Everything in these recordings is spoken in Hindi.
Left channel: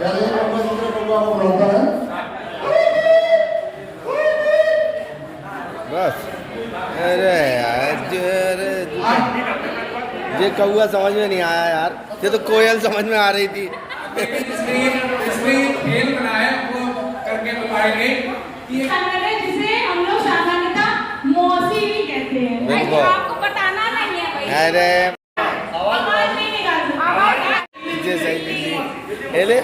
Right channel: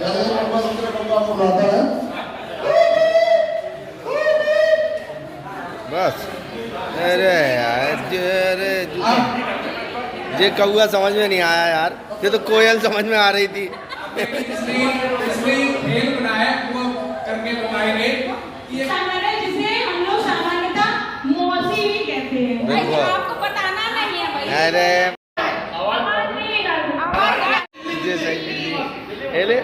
जैसे कौवा दूसरे कौवा को बुलाता है। बस अरे यार ये कौआ समझ में नहीं आया यार, ये तो कोयल समझ में आ रही थी। इसलिए खेल बनाया वो करके बताएंगे कि जिसे हम लोग सामान्यतः मौसी भी कहते हैं। बिल्कुल। आपको बताना नहीं है भाई। अरे आवाज नहीं निकालना। लीजिए सही लीजिए, ये ले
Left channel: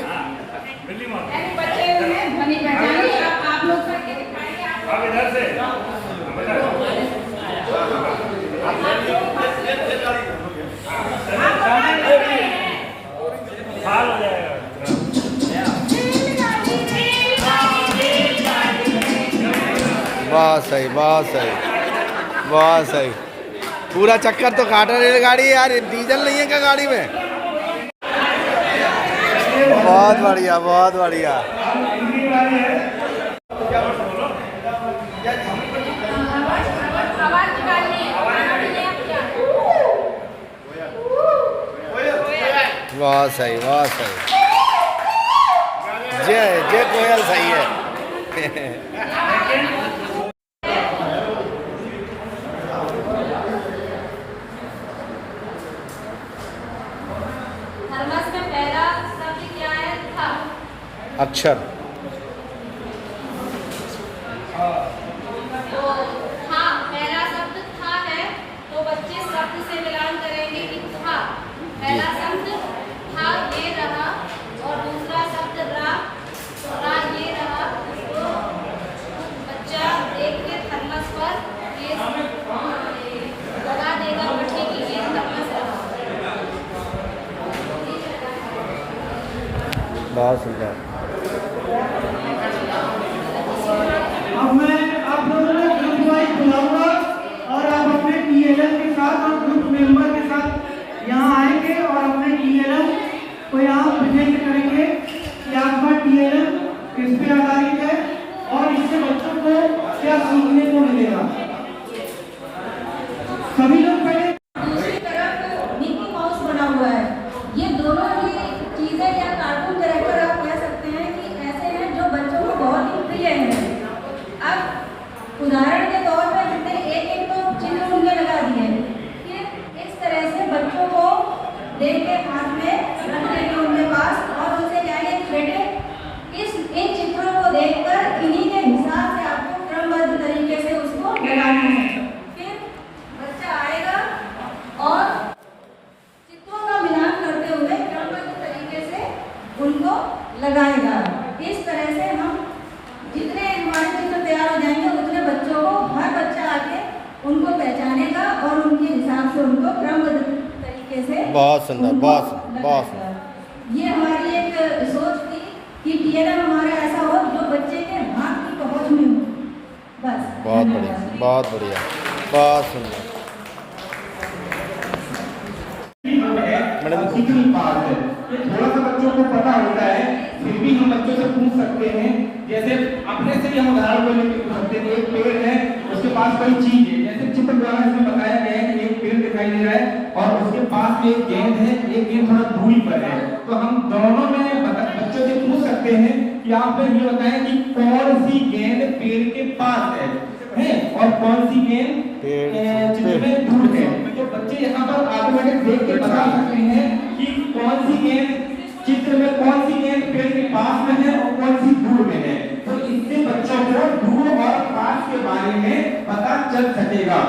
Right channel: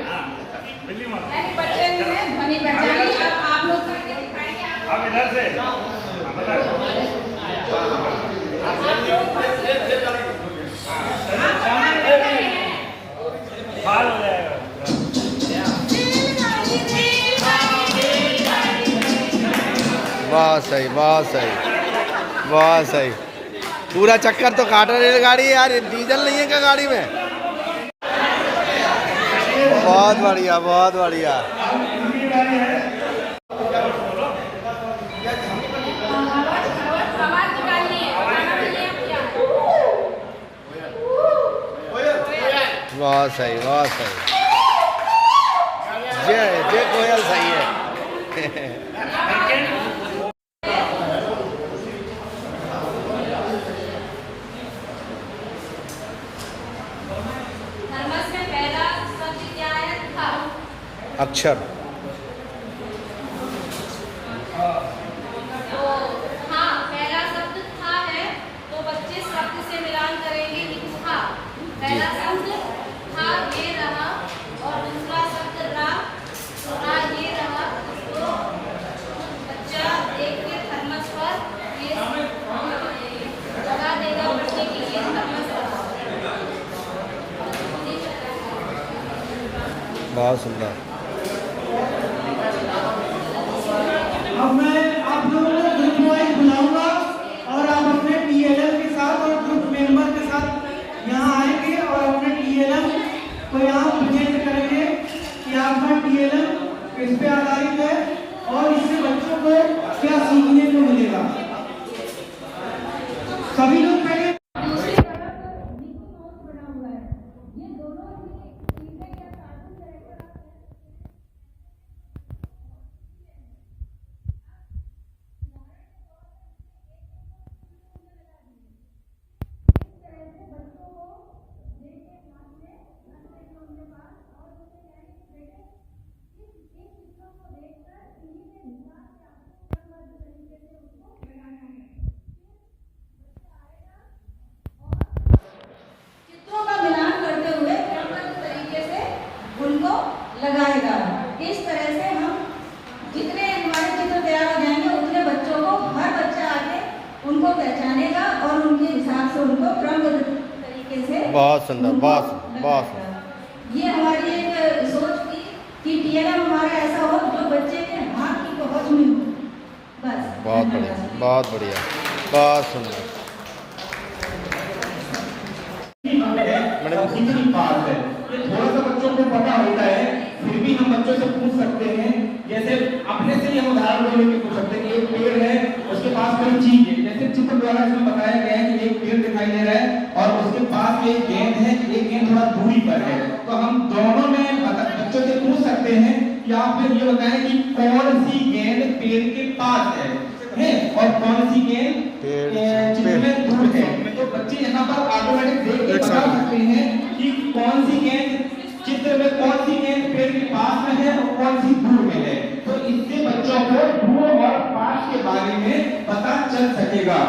बच्चे ने ध्वनि पहचानी। अब आप लोग करके दिखाएंगे। आप इधर से बहुत सही, बहुत सही, बहुत सही। पूरा चक्कर तो काट रही रेलगाड़ी यार, डीजल नहीं है क्या गाड़ी में? बहुत बढ़िया, बहुत बढ़िया। बहुत सही, बहुत सही। जय जय कोयल सही है। थर्मस में पहला शब्द क्या है? था। अक्षर तो था, पहला शब्द था है, तो बच्चे शब्द से मिलान करेंगे कि था। पहला शब्द था ये रहा, और दूसरा शब्द रा, तो रा ये रहा। तो बच्चा देख के थर्मस पर ये लगा देगा पढ़ने के लिए थर्मस रहा। बहुत सुंदर। अब मैं आप लोगों को ग्रुप वाइज बुलाऊंगा और आप अपने टीएलएम के साथ और ग्रुप मेंबर के साथ यहाँ आएंगे और अपने टीएलएम को यहाँ प्रेजेंट करेंगे कि आपका टीएलएम किस पे आधारित है और इससे बच्चों को क्या सीखने को मिलेगा। सभी लोग पहले दूसरी तरफ मिकी माउस बना हुआ है। ये दोनों ही चीजें या कार्टून कैरेक्टर आप कह सकते हैं कि ऐसे हैं जो बच्चों को बहुत ही प्रिय हैं। अब उदाहरण के तौर पर हमने एक एक तो चिन्ह उनके लगा दिए कि इस तरह से बच्चों को देख के हाथ में रख देंगे उनके पास और उनसे कहेंगे कि बेटे इन चित्रों को देखकर इन्हीं के हिसाब से आपको क्रमबद्ध तरीके से उसको लगाना है। फिर बच्चा आएगा और चित्रों का मिलान करते हुए क्रमबद्ध तरीके से उनको लगाएगा। इस तरह से हम जितने हमारे चित्र तैयार हो जाएंगे उतने बच्चों को हर बच्चा आके उनको पहचानेगा और उनके हिसाब से उनको क्रमबद्ध तरीके से बहुत सुंदर, उनको बहुत बहुत लगाएगा। ये हमारी एक सोच थी कि टीएलएम हमारा ऐसा हो जो बच्चे के हाथ की पहुंच में हो। बस बहुत बढ़िया, बहुत बढ़िया, बहुत सुंदर। मैडम कितनी पास है ये थोड़ा सा बच्चों को पता होता है, फिर भी हम बच्चों से पूछ सकते हैं। जैसे अपने से ही हम उदाहरण को लेकर पूछ सकते हैं कि एक पेड़ है, उसके पास कोई चीज है। जैसे चित्र द्वारा इसमें बताया गया है कि एक पेड़ दिखाई दे रहा है और उसके पास एक गेंद है, एक गेंद थोड़ा दूरी पर है। तो हम दोनों में बच्चों से पूछ सकते हैं कि आप ये बताएं कि कौन सी गेंद पेड़ के पास है और कौन सी गेंद चित्र में दूर है। तो बच्चे यहाँ पर ऑटोमेटिक देख के बता सकते हैं कि कौन सी गेंद चित्र में, कौन सी गेंद पेड़ के पास में है और कौन सी दूर में है। तो इससे बच्चों को दूर और पास के बारे में पता चल सकेगा।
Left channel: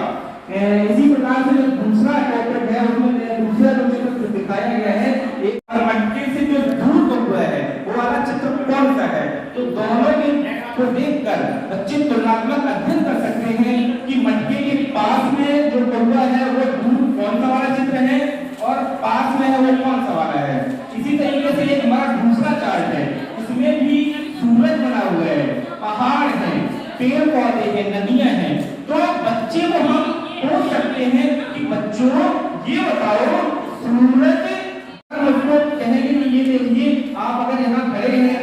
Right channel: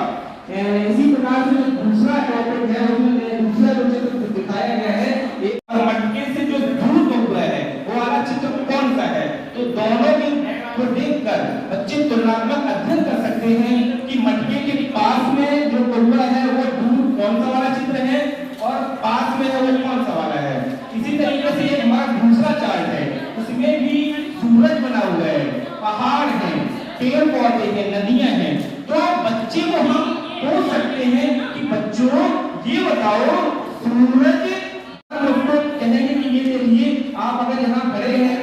इसी प्रकार से जो दूसरा टॉपिक है उसमें दूसरा जो चित्र दिखाया गया है एक मटके से जो दूर हुआ है वो वाला चित्र कौन सा है। तो दोनों में को देखकर बच्चे तुलनात्मक अध्ययन कर सकते हैं कि मटके के पास में जो कौवा है वो दूर कौन सा वाला चित्र है और पास में है वो कौन सा वाला है। इसी तरीके से एक हमारा दूसरा चार्ट है, इसमें भी सूरज बना हुआ है, पहाड़ है, पेड़ पौधे हैं, नदियां हैं। तो बच्चे को हम पूछ सकते हैं कि बच्चों ये बताओ सूरज कहेंगे कि ये देखिए आप अगर यहाँ खड़े हैं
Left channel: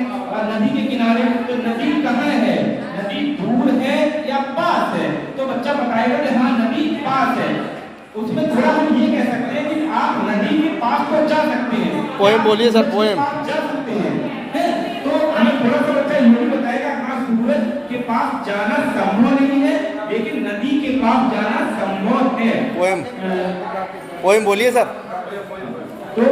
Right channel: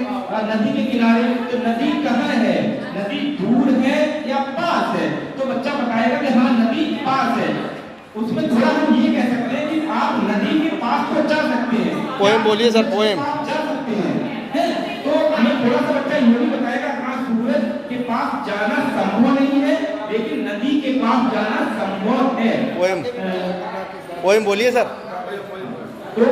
नदी के किनारे तो नदी कहाँ है, नदी दूर है या पास है। तो बच्चा बताएगा कि हाँ नदी पास है। उसमें थोड़ा हम ये कह सकते हैं कि आप नदी के पास तो जा सकते हैं। पोएम बोलिए सर, पोएम। जा सकते पोएम बोलिए सर। तो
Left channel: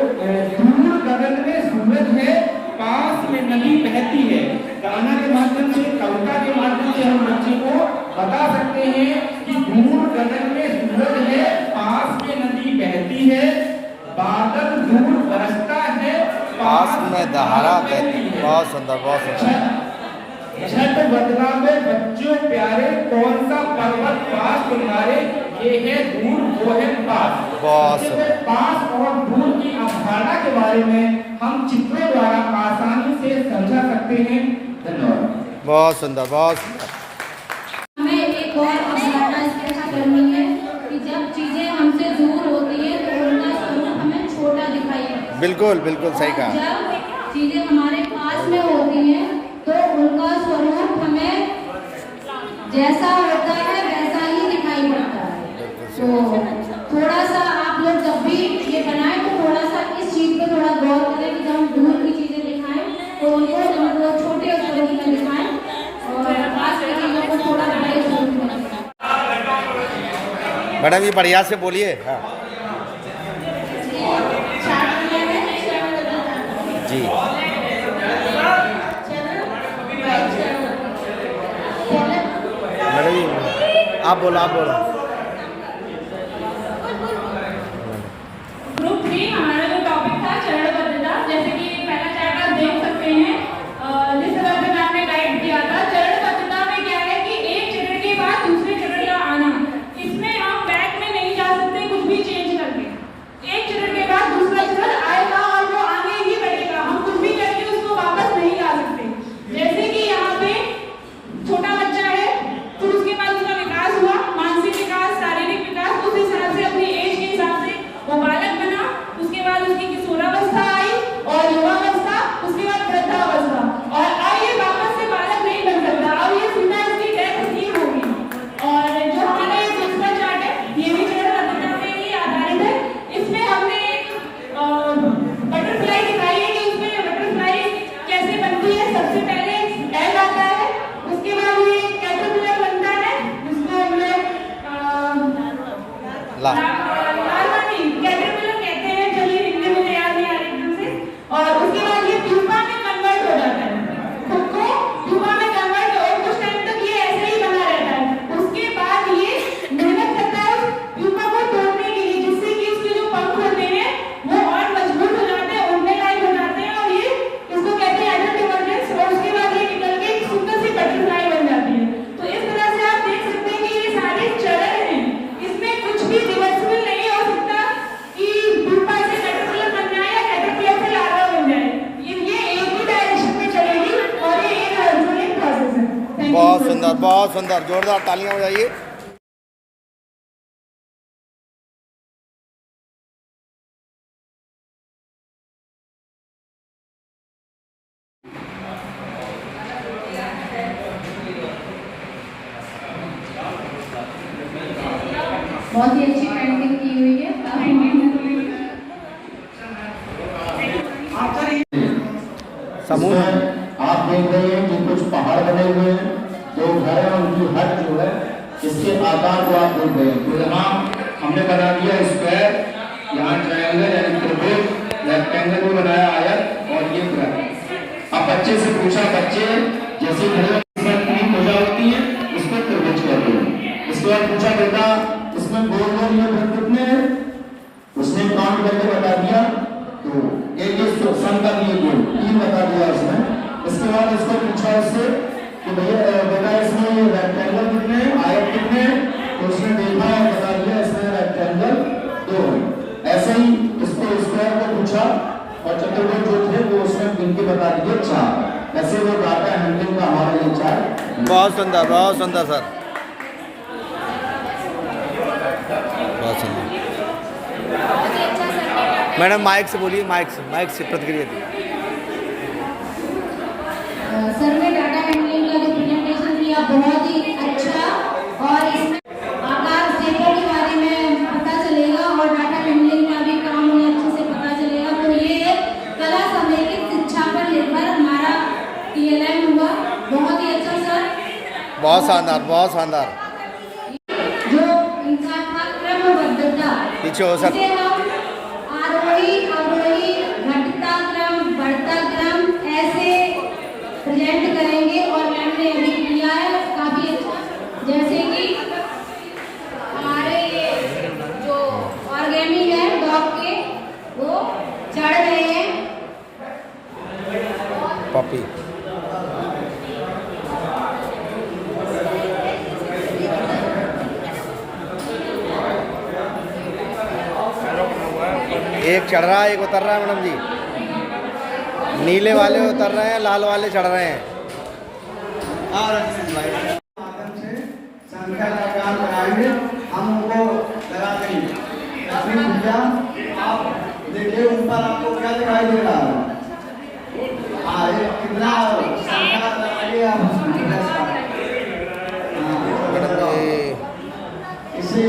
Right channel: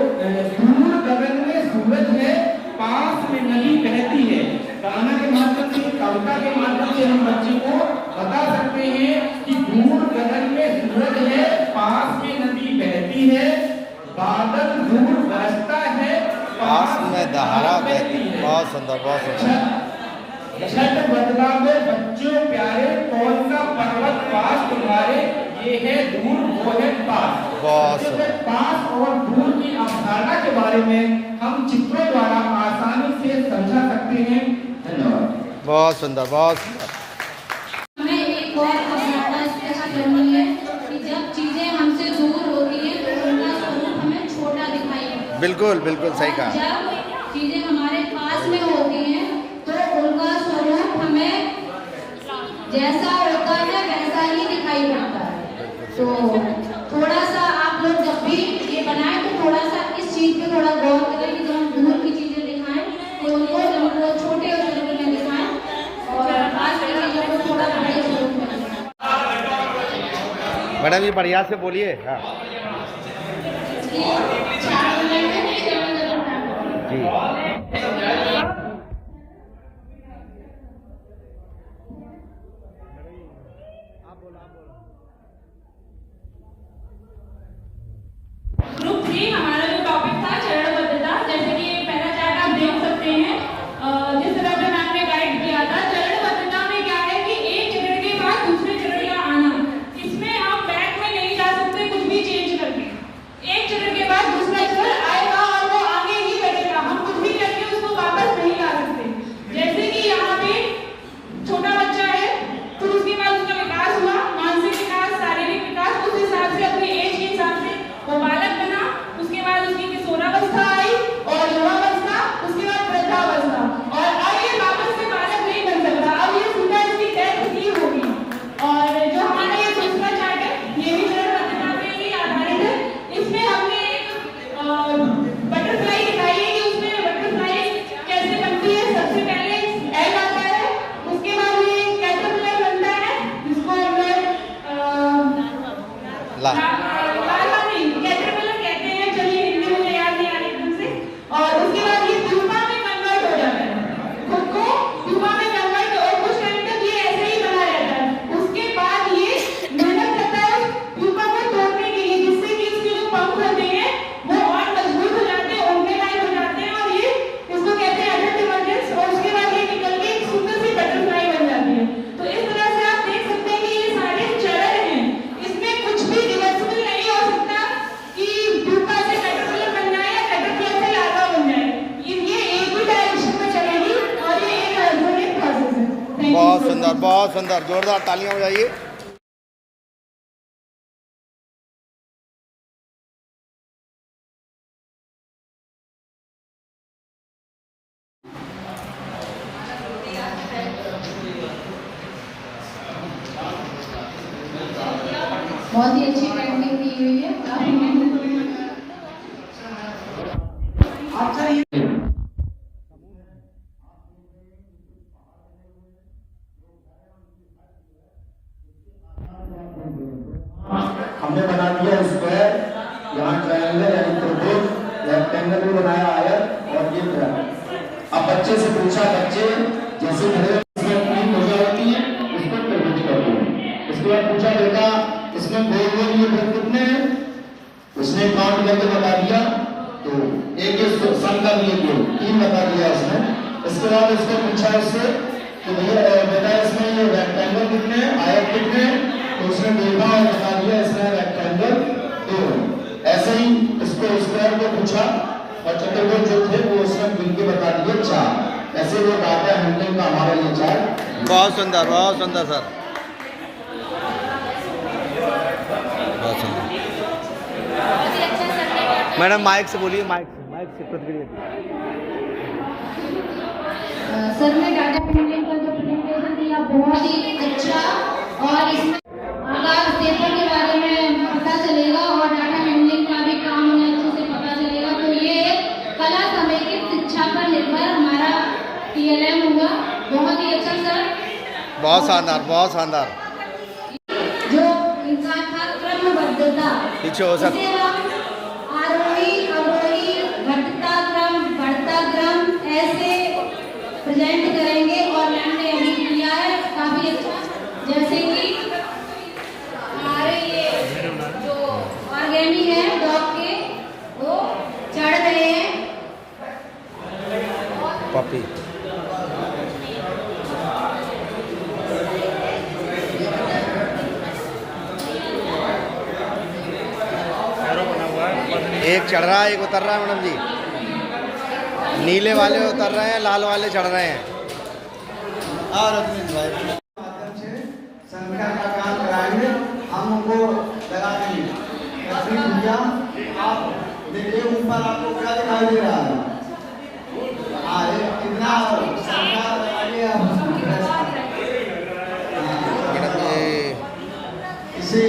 दूर गगन में सूरज है, पास में नदी बहती है। गाना के माध्यम से, कविता के माध्यम से हम बच्चे को बता सकते हैं कि दूर गगन में सूरज है, पास में नदी बहती है, बादल दूर बरसता है, पास में धारा बहती। बहुत सुंदर, बहुत सुंदर। छठ बदला में बच्चों प्यारे, कौन सा पर्वत पास तुम्हारे, ये है दूर वो है पास। बहुत सुंदर। पास और दूर की अवधारणा के बारे में हम चित्रों द्वारा आसानी से समझा सकते हैं। धन्यवाद। बहुत सुंदर, बहुत सुंदर। हमें एक और अवधारणा स्पष्ट करनी है कि जब चीजें हमसे दूर होती हैं तो उनका स्वरूप हमें छोटा दिखाई पड़ता है। बिल्कुल बिल्कुल सही कहा। जब चीजें हमारे पास में होती हैं तो उनका स्वरूप हमें जैसा होता है वैसा ही दिखाई पड़ता है। तो थोड़ा सा आप लोग जब भी ये बनाएं तो थोड़ा सा इस चीज पे थोड़ा गौर करें कि जब हम दूर की चीजें दिखाएं तो उनको वो छोटे स्वरूप में दिखाएं और पास की चीजों को थोड़ा बड़े स्वरूप में दिखाएं। मैडम ये बढ़िया से बोलिए। हाँ जी। मैडम जी आप बोलो, आप बोलो। ग्रुप 3 हमारा जो टॉपिक था चरणबद्धता, जैसे कि पहला चार्ट आप देख सकते हैं, जिस तरह से आपने गाइड किया था। चरणबद्धता में क्या है कि एक चरण के बाद दूसरे चरण का आना, इसमें हम बैक में नहीं जा सकते कुछ भी चेंज करके। एक चरण के बाद दूसरा चरण आएगा और वो आगे ही बढ़ेगा, हम कुछ भी करके उसको वापस नहीं ला सकते। जैसे कि यहाँ पे छोटा बच्चा है, फिर उसके बाद उसका विकास हुआ, मानसिक विकास, शारीरिक विकास, उस हिसाब से अपनी एज के हिसाब से वो बालक बना। उसके बाद उसकी किशोरावस्था आई और युवावस्था, उसके बाद वृद्धावस्था, और अब ये वापस से बालक नहीं बन सकता। अब ये सीधा इसकी डेथ नहीं होगी। और जो हमारा ये दूसरा चार्ट है ये भी चरणबद्धता पे ही आधारित है। इसमें हमने एक बटरफ्लाई दिखाई है कि उसमें बटरफ्लाई कैसे बनती है। सबसे पहले एग आता है, उसके बाद ये कैटरपिलर बनता है जिसको हम लोग कैटरपिलर कहते हैं। चलिए हिंदी मुझे याद नहीं आ रही एकदम से। और उसके बाद ये प्यूपा में कन्वर्ट हो जाता है, खुद को प्यूपा में कन्वर्ट, और कुछ टाइम तक ये ऐसे ही बना रहता है। उसके बाद ये मेहनत करता है प्यूपा को तोड़ने के लिए, जिससे कि उसके जो पंख होते हैं वो और मजबूत हो जाते हैं, उड़ने लायक हो जाते हैं, और ये इसको कहते हैं एडोटिवर्जेंस। और उसके बाद ये निकल के एक सुंदर सी बटरफ्लाई बन जाती है। तो इस तरह से आप देख सकते हैं कि ये सारे चरण हैं, इसमें कुछ भी रिवर्सिबल नहीं हो सकता कि प्यूपा से कैटरपिलर बन जाए या कैटरपिलर से लार्वा बन जाए। ये एक ही डायरेक्शन में चलेगी और ये एक हाइड्रोलिक प्रोसेस है। Thank you बहुत so सुंदर, much. बहुत सुंदर। जोरदार तालियां बजाइए। बहुत ही अच्छी पेंटिंग की हुई है। समूह आप देख रहे हैं कि कुछ पहाड़ बने हुए हैं, जो घर है उनकी हट जो है इसके आकार को आप देख रहे हैं। तो यहाँ हमने बना दिया स्क्वायर, यहाँ ट्रायंगल यानी त्रिभुज, रेक्टेंगल भी बनाया आयत, और ये पूरा। अब बच्चे से पूछा, बच्चे जैसे घर में 3 भुजा होती है उसको त्रिभुज कहते हैं। इसके बाद पूछा बेटा इसमें गोल गोल ये वृत्त कितने हैं, उसने काउंट करके बता दिया। तो एक सन का लिए 3 बता दिया उसने। इसके बाद उसको पूछा इससे कि भैया बेटा इसमें रेक्टेंगल कितने हैं, आयत कितने हैं, तो उसने देखा और बता दिया इसमें रेक्टेंगल 2 है। ऐसे ही इसको स्क्वायर को पूछा और चतुर्भुज जो थे वो उसने मिलके बता दिए 4। ऐसे वो डाटा हैंडलिंग का हमारा ये 4। बहुत सुंदर, बहुत सुंदर सर, बहुत सुंदर। मैडम माइक से बोलिए, माइक से प्रतिक्रिया दी। सर ने डाटा हैंडलिंग का जो प्रेजेंटेशन दिया बहुत ही अच्छा, और इसमें आकार क्षेत्र के बारे में पता चलेगा और डाटा हैंडलिंग का भी काम हमें अच्छे से पता चलेगा। तो ये एक कला समेकित शिक्षा पर निर्भर हमारा TLM हुआ। बहुत ही अच्छा सर, बहुत शानदार, बहुत शानदार। जो इनका था क्रमबद्धता, पीछे हो सब। इसे हम आरोही अवरोही घटता क्रम बढ़ता क्रम ऐसे प्रेजेंट करेंगे और मैम ने अभी किया है काफी अच्छा। जैसे कि हमारे ये जो ऑर्गेनिक है डॉग के वो चढ़ रहे हैं पपी। एक चढ़ रहा है एक उतर रहा है मैडम जी। नीले वाले उतर रहे हैं, लाल वाले चढ़ रहे हैं। माध्यम से संख्या का काम कराएंगे, हम उनको लगा देंगे। लक्ष्मी भैया आप देखिए ऊपर आपको क्या दिखाई दे रहा है? हाँ ये कितना संख्या लगाइए आप। मैडम जी इसी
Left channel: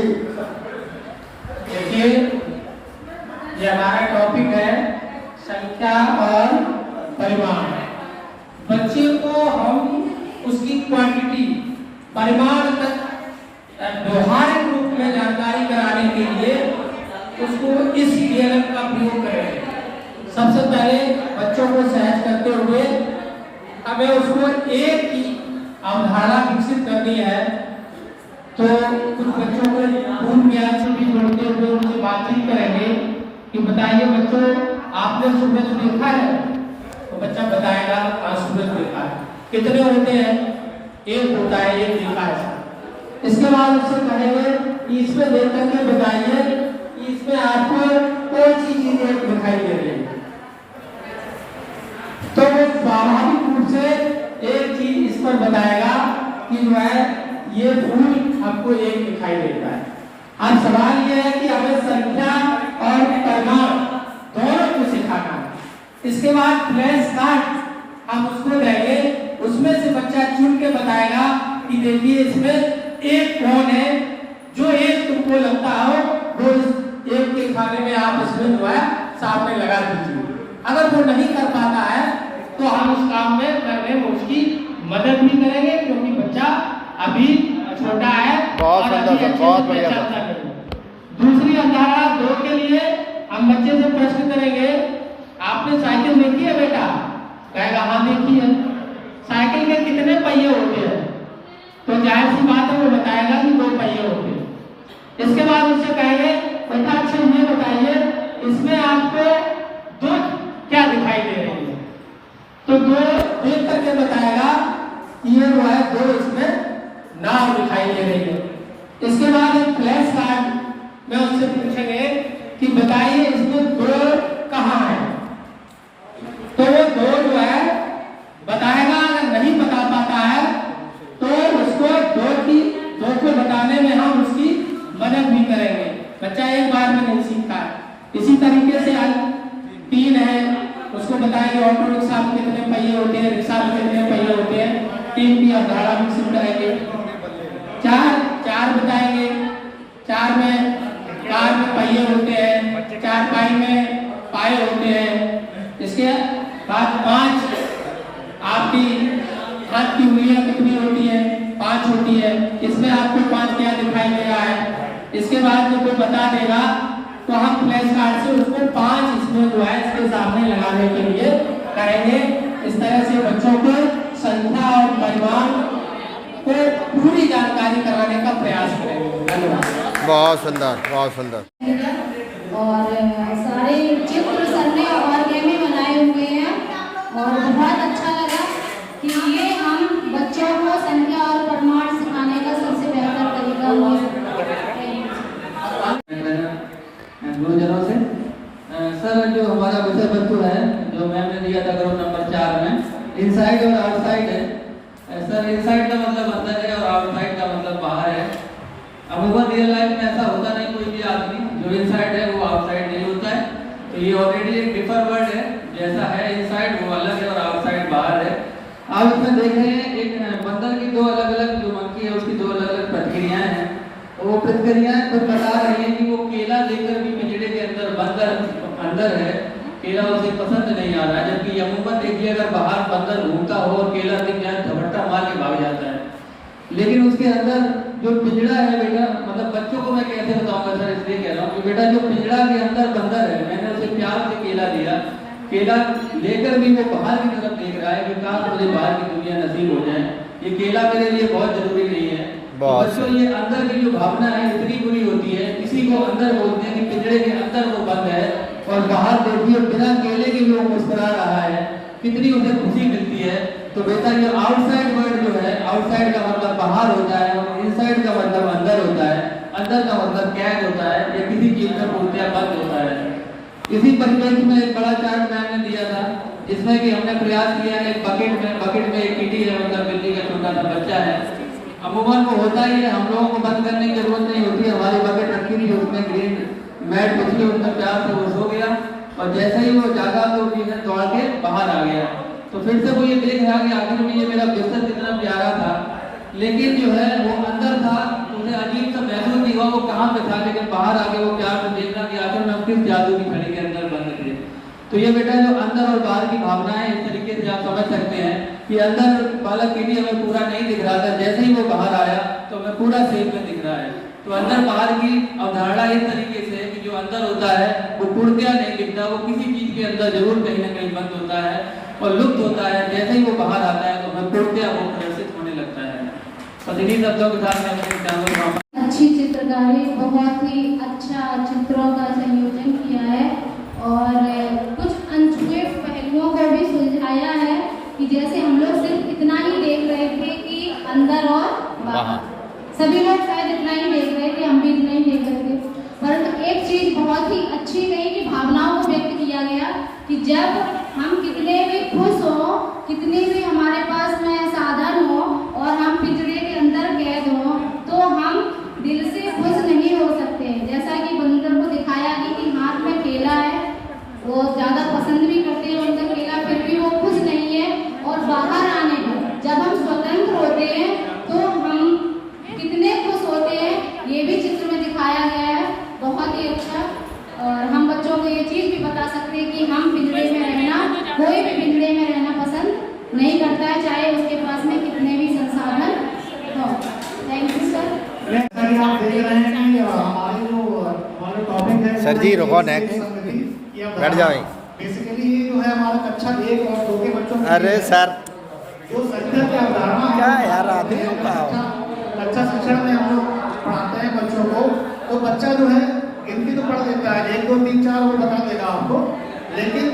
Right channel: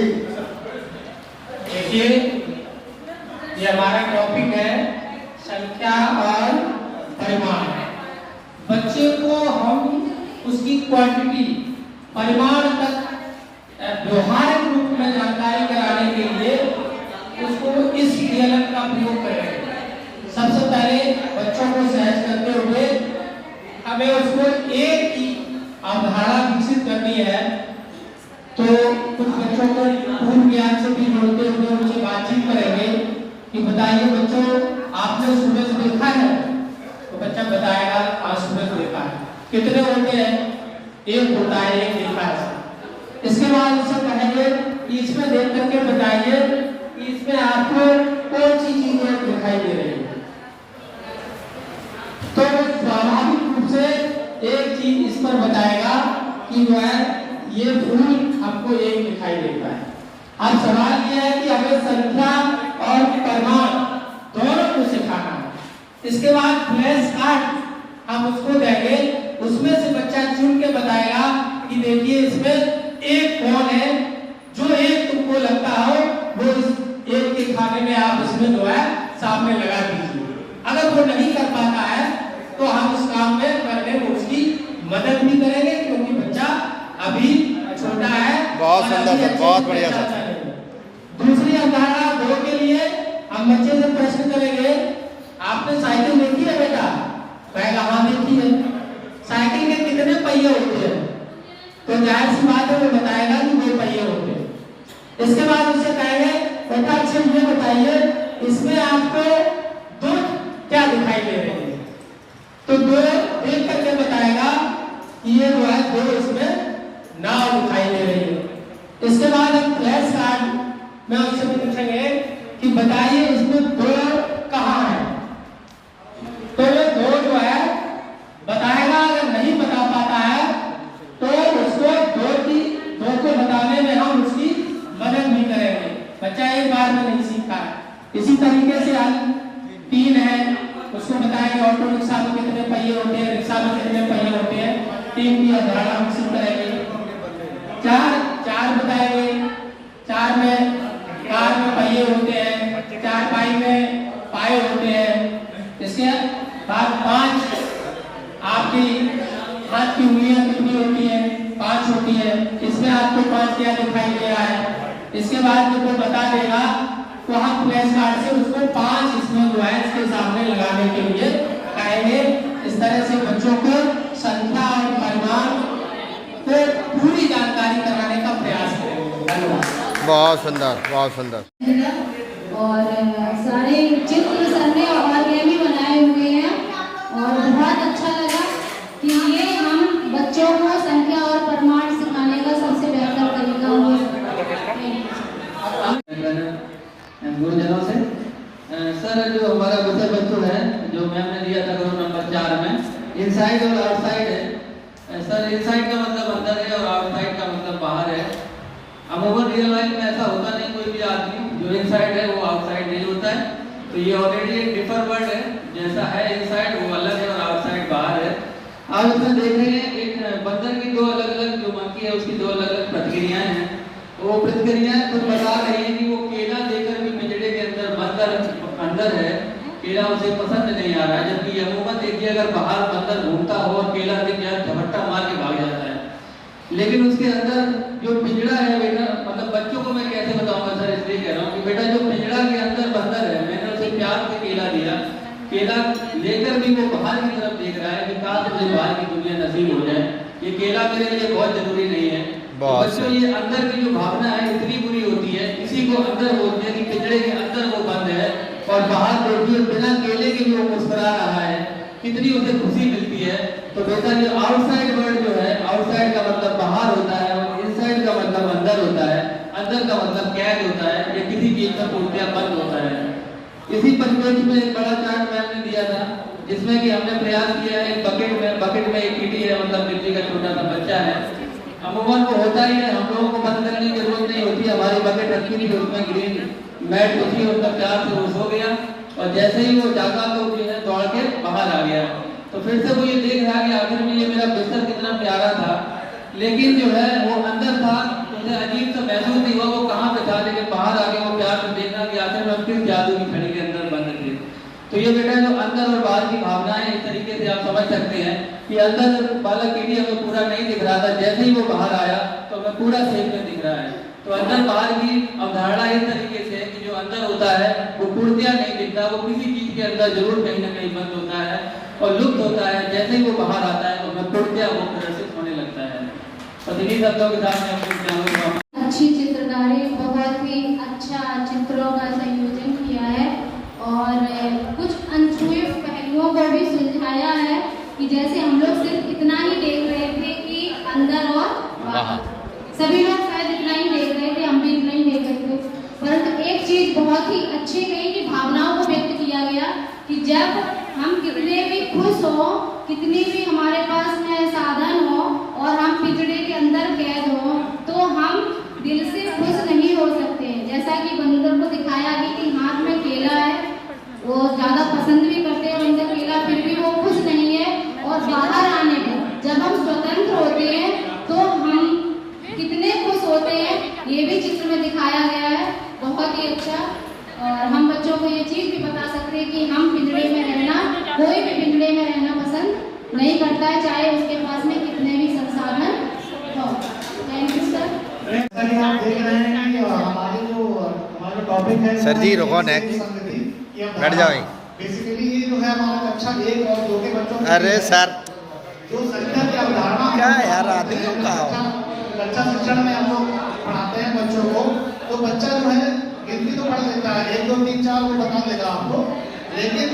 देखिए ये हमारा टॉपिक है संख्या और परिमाण। बच्चे को हम उसकी क्वांटिटी परिमाण तक व्यवहारिक रूप में जानकारी कराने के लिए उसको इस डीएलएम का प्रयोग करें। सबसे पहले बच्चों को सहज करते हुए हमें उसको एक ही अवधारणा विकसित करनी है। तो कुछ बच्चों को पूर्ण ज्ञान से भी जोड़ते हुए उनसे बातचीत करेंगे कि बताइए बच्चों आपने सुबह से देखा है? तो बच्चा बताएगा आज सुबह देखा है। कितने होते हैं? एक होता है, एक देखा है। इसके बाद उससे कहेंगे कि इसमें देख करके बताइए कि इसमें आपको कौन सी चीजें दिखाई दे रही है। तो स्वाभाविक रूप से एक चीज इसमें बताएगा कि जो है ये फूल हमको एक दिखाई देता है। अब सवाल यह है कि हमें संख्या और परिमाण दोनों को सिखाना है। इसके बाद फ्लैश कार्ड हम उसको देंगे, उसमें से बच्चा चुन के बताएगा कि देखिए इसमें एक कौन है, जो एक तुमको लगता हो वो इस एक के खाने में आप इसमें जो है सामने लगा दीजिए। अगर वो नहीं कर पाता है तो हम उस काम में करने में उसकी मदद भी करेंगे, क्योंकि बच्चा अभी छोटा है। बहुत सुंदर सर, बहुत बढ़िया सर। दूसरी अवधारणा 2 के लिए हम बच्चे से प्रश्न करेंगे, आपने साइकिल देखी है बेटा? कहेगा हाँ देखी है। साइकिल के कितने पहिए होते हैं? तो जाहिर सी बात है वो बताएगा कि 2 पहिए होते हैं। इसके बाद उससे कहेंगे बेटा अच्छा ये बताइए इसमें आपको 2 क्या दिखाई दे रही है? तो 2 देख करके बताएगा कि ये जो है 2 इसमें नाव दिखाई दे रही है। इसके बाद एक फ्लैश कार्ड में उससे पूछेंगे कि बताइए इसमें 2 कहाँ है? तो वो 2 जो है बताएगा। अगर नहीं बता पाता है तो उसको 2 को बताने में हम उसकी मदद भी करेंगे। बच्चा एक बार में नहीं सीखता है। इसी तरीके से 3 है, उसको बताएंगे ऑटो रिक्शा में कितने पहिए होते हैं, रिक्शा में कितने पहिए होते हैं, 3 की अवधारणा विकसित करेंगे। 4 बताएंगे, 4 में कार में पहिए होते हैं, 4 पाई में पाए होते हैं। इसके बाद 5 आपकी हाथ की उंगलियां कितनी होती है? 5 होती है। इसमें आपको 5 क्या दिखाई दे रहा है? इसके बाद जब वो बता देगा तो हम फ्लैश कार्ड से उसको 5 इसमें जो है इसके सामने लगाने के लिए कहेंगे। इस तरह से बच्चों को संख्या और परिमाण को पूरी जानकारी कराने का प्रयास करेंगे। धन्यवाद। बहुत सुंदर, बहुत सुंदर। और सारे चित्र सर ने ऑर्गेनिक बनाए हुए हैं और बहुत अच्छा लगा कि ये हम बच्चों को संख्या और परिमाण सिखाने का सबसे बेहतर तरीका हो सकता है। गुरुजनों से सर जो हमारा विषय वस्तु है जो मैम ने दिया था ग्रुप नंबर 4 में, इनसाइड और आउटसाइड है। सर इनसाइड का मतलब अंदर है और आउटसाइड का मतलब बाहर है। अमूमन रियल लाइफ में ऐसा होता नहीं, कोई भी आदमी जो इनसाइड है वो आउटसाइड नहीं होता है। तो ये ऑलरेडी एक डिफर वर्ड है, जैसा है इनसाइड वो अलग है और आउटसाइड बाहर है। आप इसमें देख रहे हैं एक बंदर की 2 अलग अलग जो मंकी है उसकी 2 अलग अलग प्रतिक्रियाएं हैं। तो वो प्रतिक्रियाएं तो बता रही है कि वो केला लेकर भी पिंजड़े के अंदर बंदर अंदर है, केला उसे पसंद नहीं आ रहा है। जबकि अमूमन देखिए अगर बाहर बंदर घूमता हो और केला दिख जाए झपट्टा मार के भाग जाता है। लेकिन उसके अंदर जो पिंजड़ा है बेटा मतलब बच्चों को मैं कैसे बताऊंगा सर, इसलिए कह रहा हूँ कि बेटा जो पिंजड़ा के अंदर बंदर है, मैंने उसे प्यार से केला दिया, केला लेकर भी वो बाहर की तरफ देख रहा है कि काश मुझे बाहर की दुनिया नसीब हो जाए। ये केला मेरे लिए बहुत जरूरी नहीं है। तो बच्चों ये अंदर की जो भावना है इतनी बुरी होती है, इसी को अंदर बोलते हैं कि पिंजड़े के अंदर वो बंद है और बाहर देखिए बिना केले के भी वो मुस्कुरा रहा है, कितनी उसे खुशी मिलती है। तो बेटा ये आउटसाइड वर्ल्ड जो है, आउटसाइड का मतलब बाहर होता है और इनसाइड का मतलब अंदर होता है, अंदर का मतलब कैद होता है, या किसी चीज में पूर्णतः बंद होता है। इसी परिप्रेक्ष्य में एक बड़ा चार्ट मैंने दिया था जिसमें कि हमने प्रयास किया है, बकेट में एक कीटी है, मतलब मिट्टी का छोटा सा बच्चा है। अमूमन वो होता ही है, हम लोगों को बंद करने की जरूरत नहीं होती, हमारी बकेट रखी थी उसमें ग्रीन मैट बिछी, उसका प्यार से वो सो गया और जैसे ही वो जागा तो जो है दौड़ के बाहर आ गया। तो फिर से वो ये देख रहा कि आखिर में ये मेरा बिस्तर कितना प्यारा था, लेकिन जो है वो अंदर था, उसे अजीब सा महसूस नहीं हुआ वो कहाँ पे था, लेकिन बाहर आके वो प्यार से देखना कि आखिर में किस जादू की खड़ी के अंदर बंद थे। तो ये बेटा जो अंदर और बाहर की भावनाएं, इस तरीके से आप समझ सकते हैं कि अंदर वाला कीड़ी हमें पूरा नहीं दिख रहा था, जैसे ही वो बाहर आया तो हमें पूरा सेफ में दिख रहा है। तो अंदर बाहर की अवधारणा इस तरीके से है कि जो अंदर होता है वो पूर्णतः नहीं दिखता, वो किसी चीज के अंदर जरूर कहीं ना कहीं बंद होता है और लुप्त होता है। जैसे ही वो बाहर आता है तो हमें पूर्णतः वो प्रदर्शित होने लगता है। और इन्हीं शब्दों के साथ मैं अपने चैनल को अच्छी चित्रकारी, बहुत ही अच्छा चित्रों का संयोजन किया है और कुछ अनछुए पहलुओं को भी सुलझाया है कि जैसे हम लोग सिर्फ इतना ही देख रहे थे कि अंदर और बाहर, सभी लोग शायद इतना ही देख रहे थे, हम भी इतना ही देख रहे थे, परंतु एक चीज बहुत ही अच्छी कही कि भावनाओं को व्यक्त किया गया कि जब हम कितने भी खुश हो, कितने भी हमारे पास में साधन हो और हम पिंजड़े के अंदर कैद हो, तो हम दिल से खुश नहीं हो सकते। जैसा कि बंदर को दिखाया गया कि हाथ में केला है, वो ज्यादा पसंद भी करते हैं बंदर केला, फिर भी वो खुश नहीं है। और बाहर आने पर जब हम स्वतंत्र होते हैं तो हम कितने खुश होते हैं, ये भी चित्र में दिखाया गया है, बहुत ही अच्छा। और हम बच्चों को ये चीज भी बता सकते हैं कि हम पिंजड़े में रहना, कोई भी पिंजड़े में रहना पसंद नहीं करता है, चाहे उसके पास में कितने भी संसाधन हो। Thank you sir. आप देख रहे हैं कि हमारे टॉपिक है सर जी रुको, नेक्स्ट बैठ जाओ। बेसिकली ये जो है हमारा कक्षा 1 और 2 के बच्चों, अरे सर जो संख्या की अवधारणा क्या यार आदमियों का बच्चा शिक्षण में हम लोग पढ़ाते हैं बच्चों को, तो बच्चा जो है गिनती तो पढ़ लेता है, 1 2 3 4 वो बता देगा आपको, लेकिन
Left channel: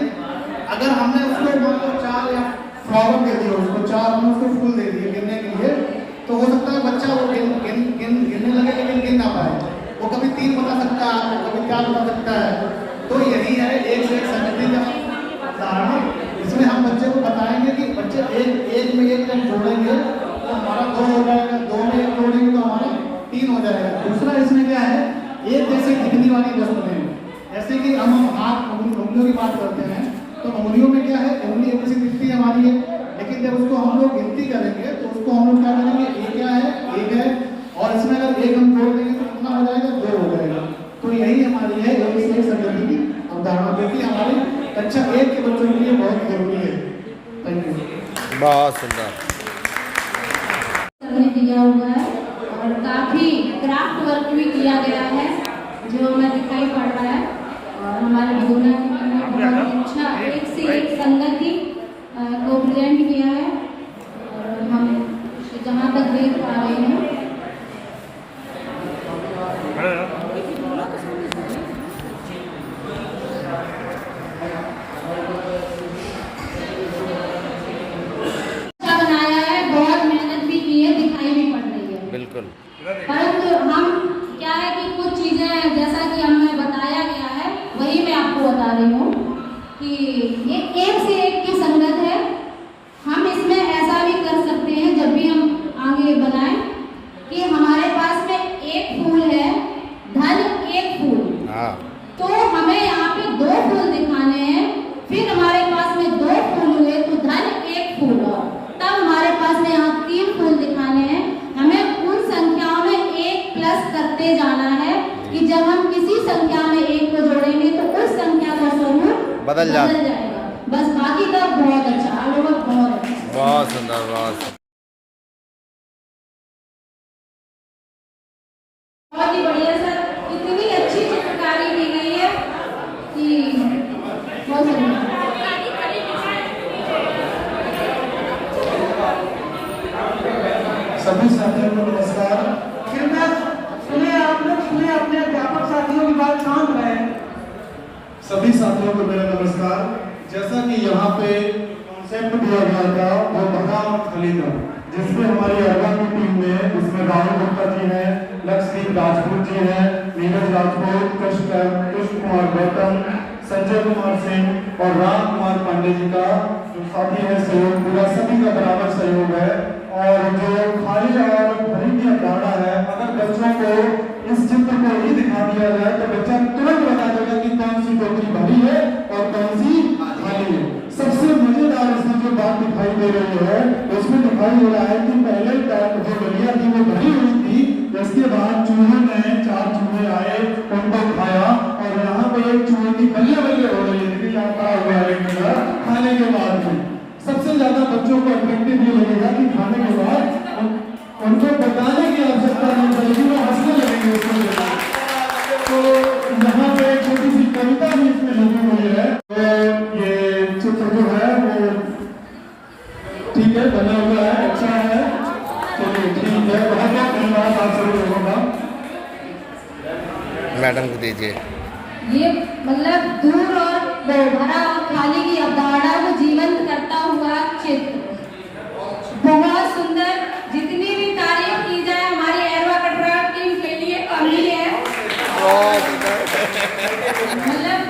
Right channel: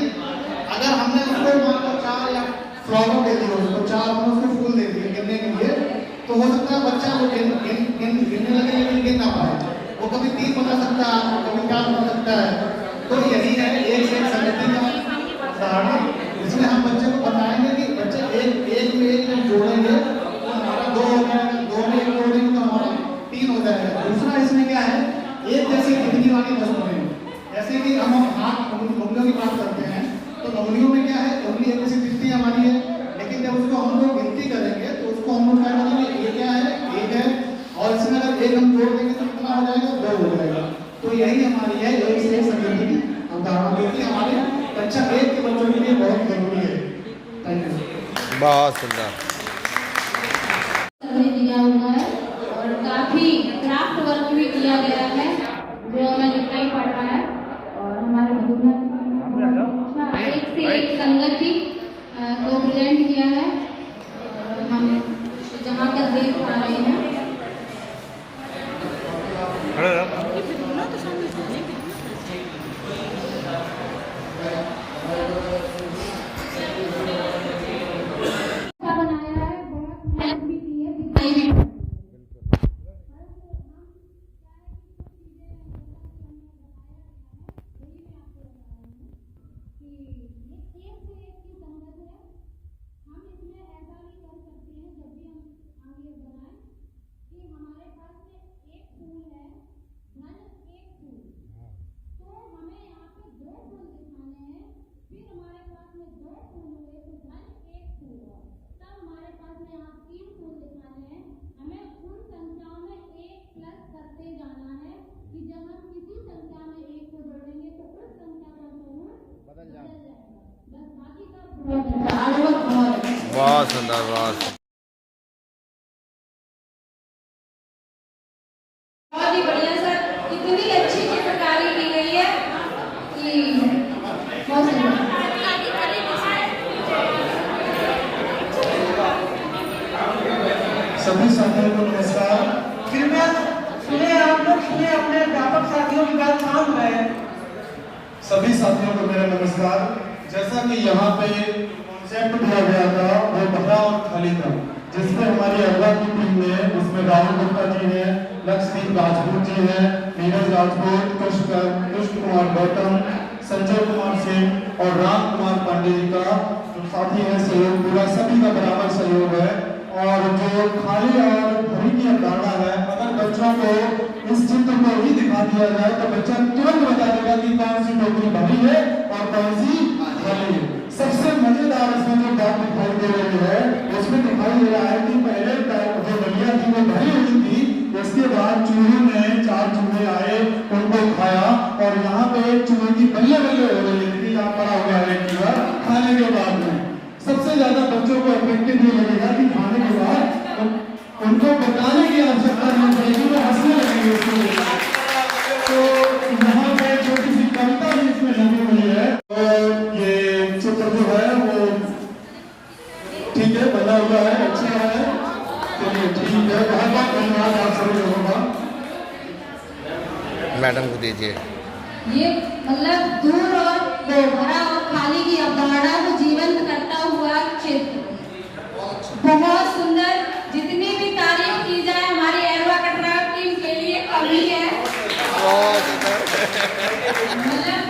अगर हमने उसको मान लो 4 या फ्लावर दे दिया, उसको 4 हमने उसको फूल दे दिए गिनने के लिए, तो हो सकता है बच्चा वो गिनने लगे लेकिन गिन ना पाए, वो कभी 3 बता सकता है, कभी 4 बता सकता है। तो यही है एक संगति का उदाहरण, इसमें हम बच्चे को बताएंगे कि बच्चे एक में एक जोड़ेंगे तो हमारा 2 हो जाएगा, 2 में 1 जोड़ेंगे तो हमारा 3 हो जाएगा। दूसरा इसमें क्या है, एक जैसे दिखने वाली वस्तुएं, जैसे कि हम हाथ उंगलियों की बात करते हैं तो उंगलियों में क्या है, उंगली एक जैसी दिखती है हमारी है, लेकिन जब उसको हम लोग गिनती करेंगे तो उसको हम लोग क्या करेंगे, ये क्या है, 1 है, और इसमें अगर 1 हम जोड़ देंगे तो कितना हो जाएगा, 2 हो जाएगा। तो यही हमारी है एक से एक संगति की उदाहरण, देखिए हमारे कक्षा 1 के बच्चों के लिए बहुत जरूरी है। Thank you. बहुत सुंदर दिया हुआ है और काफी क्राफ्ट वर्क भी किया गया है जो हमें दिखाई पड़ रहा है, और हमारे भूना बहुत अच्छा एक से एक संगति को प्रेजेंट किया है, और हम जहाँ तक देख पा रहे हैं बनाया है, बहुत मेहनत भी की है, दिखाई भी पड़ रही है बिल्कुल। परंतु हम क्या है कि कुछ चीजें जैसा कि हमें बताया गया है वही मैं आपको बता रही हूँ कि ये एक से एक की संगत है। हम इसमें ऐसा भी कर सकते हैं जब भी हम आगे बनाएं कि हमारे पास में एक फूल है, धन एक फूल, तो हमें यहाँ पे 2 फूल दिखाने हैं, फिर हमारे पास में 2 फूल हुए तो धन एक फूल, और तब हमारे पास में यहाँ 3 फूल दिखाने हैं। हमें उन संख्याओं में 1 प्लस करते जाना है कि जब हम किसी संख्या में 1 को जोड़ेंगे तो उस संख्या का स्वरूप बदल जाएगा। बस बाकी का बहुत अच्छा अनुभव, बहुत अच्छा, बहुत सुंदर, बहुत ही बढ़िया सर। सभी साथियों को मेरा नमस्कार। जैसा कि यहाँ पे कॉन्सेप्ट दिया गया था वो भरा और खाली था, जिसमें हमारी अगवा की टीम ने, इसमें राहुल गुप्ता जी हैं, लक्ष्मणदीप राजपूत जी हैं, नीरज राजपूत, कृष्ण कुमार गौतम, संजय कुमार सिंह और राम कुमार पांडे जी का साथी है सहयोग, पूरा सभी का बराबर सहयोग है। और जो खाली और भरी की अवधारणा है, अगर बच्चों को इस चित्र को ही दिखा दिया जाए तो बच्चा तुरंत बता देगा कि कौन सी टोकरी भरी है और कौन सी खाली है। सबसे मजेदार इसमें जो बात दिखाई दे रही है, उसमें दिखाई दे रहा है कि पहले जो गलिया थी वो भरी हुई थी, इसके बाद चूहों ने 4 चूहे आए, उनको खाया और यहाँ पे एक चूहे की बल्ले बल्ले हो रही है कि यहाँ पड़ा हुआ है पूरा खाने के बाद में। सबसे ज्यादा बच्चों को अट्रैक्टिव भी लगेगा कि खाने के बाद उनको बताने की आवश्यकता नहीं पड़ेगी, वो हंसने लगेंगे उसमें। तो यहाँ पे एक छोटी सी कविता भी इसमें लगी हुई है। तो ये चित्र जो है वो ठीक है, बना हुआ है, अच्छा है, चलिए ठीक है। बहुत बहुत धन्यवाद आप सभी लोगों का। मैडम को दीजिए। ये मतलब दूर और भरा और खाली की अवधारणा को जीवंत करता हुआ चित्र बहुत सुंदर। जितनी भी तारीफ की जाए हमारी एरवा कटरा टीम के लिए कमी है। मतलब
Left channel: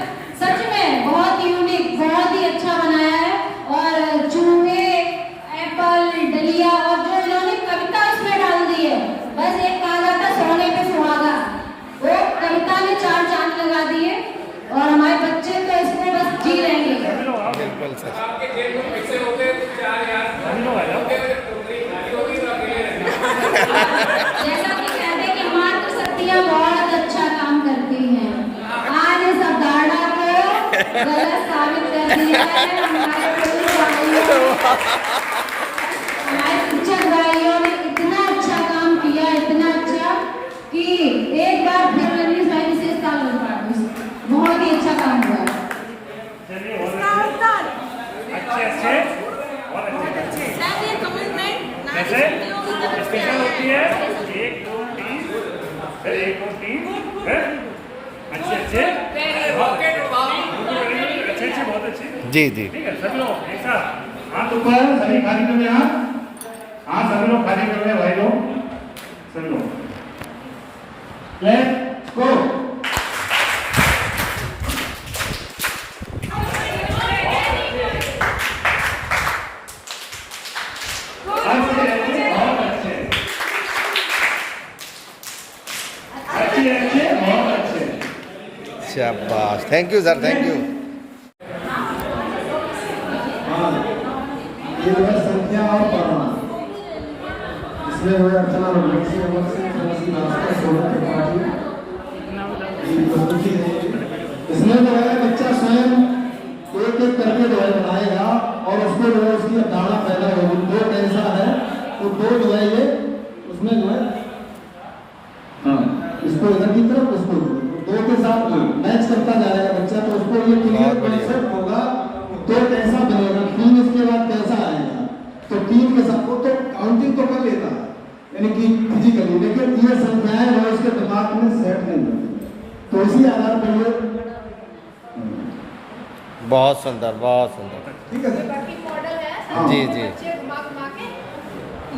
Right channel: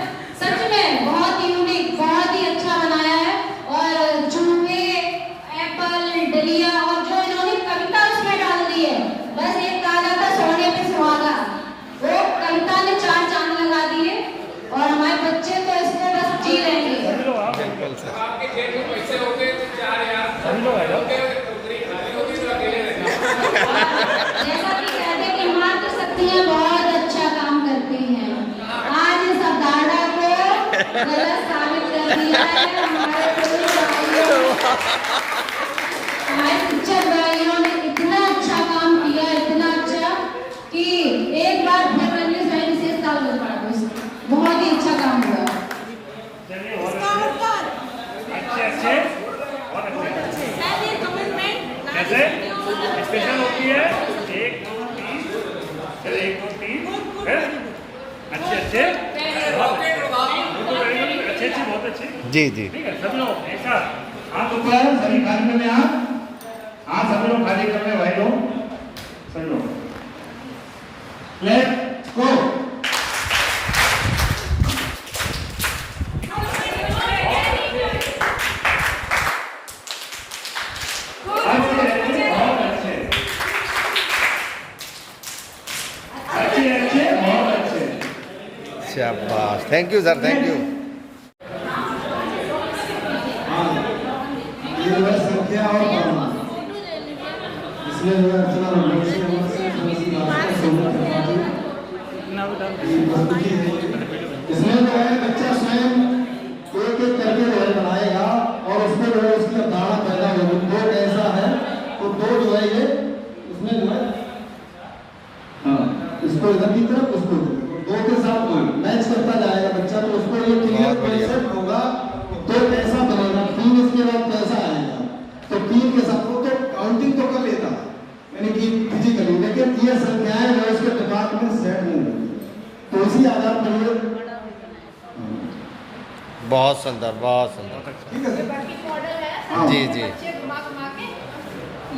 सच में बहुत यूनिक, बहुत ही अच्छा बनाया है। और चूहे, एप्पल, डलिया और जो इन्होंने कविता उसमें डाल दी है, बस एक कहा जाता सोने पे सुहागा, वो कविता ने 4 चांद लगा दिए और हमारे बच्चे तो इसको बस जी रहे हैं। बिल्कुल सर। आपके जेब में पैसे होते तो 4 यार जैसा कि कहते हैं कि मातृ शक्तियाँ बहुत अच्छा काम करती हैं, आज इस अवधारणा को गलत साबित कर दिया है। हमारे शिक्षक भाइयों ने इतना अच्छा काम किया, इतना अच्छा कि एक बार फिर मैंने सारी विशेषता बहुत ही अच्छा काम हुआ है। कैसे स्पेशल होती है 1 2 3 सर 1 2 3 अच्छे अच्छे अच्छे बहुत अच्छे जी जी ठीक है। सब लोग ऐसा हाथ ऊपर, सभी खाली कर रहे हैं, हाथ सभी लोग खाली कर रहे हैं भाई लोग, सभी लोग लेट्स गो। शाबाश, thank you sir, thank you. ये है संख्या और परिमाण, इसमें जो है अर्चना रोमेश की ओर से तुलसी नाथ सोलह त्रिपाठी ये प्रस्तुति है। इसमें जो है बच्चा स्वयं एक एक करके जो है बनाएगा और उसको जो है उसकी अवधारणा पैदा होगी। 2 कैसा है तो 2 जो है ये उसमें जो है इसको इधर की तरफ, उसको 2 के साथ मैच करता जाएगा बच्चा, तो उसको ये क्लियर कॉन्सेप्ट होगा कि 2 कैसा बनेगा, 3 इसके बाद कैसा आएगा, तो 3 के साथ वो तो काउंटिंग तो कर लेता है यानी कि फिजिकली, लेकिन ये संख्याएं वो उसके दिमाग में सेट नहीं होती, तो इसी आधार पर ये बहुत सुंदर, बहुत सुंदर। ठीक है वर्किंग मॉडल है। जी जी बच्चे घुमा घुमा के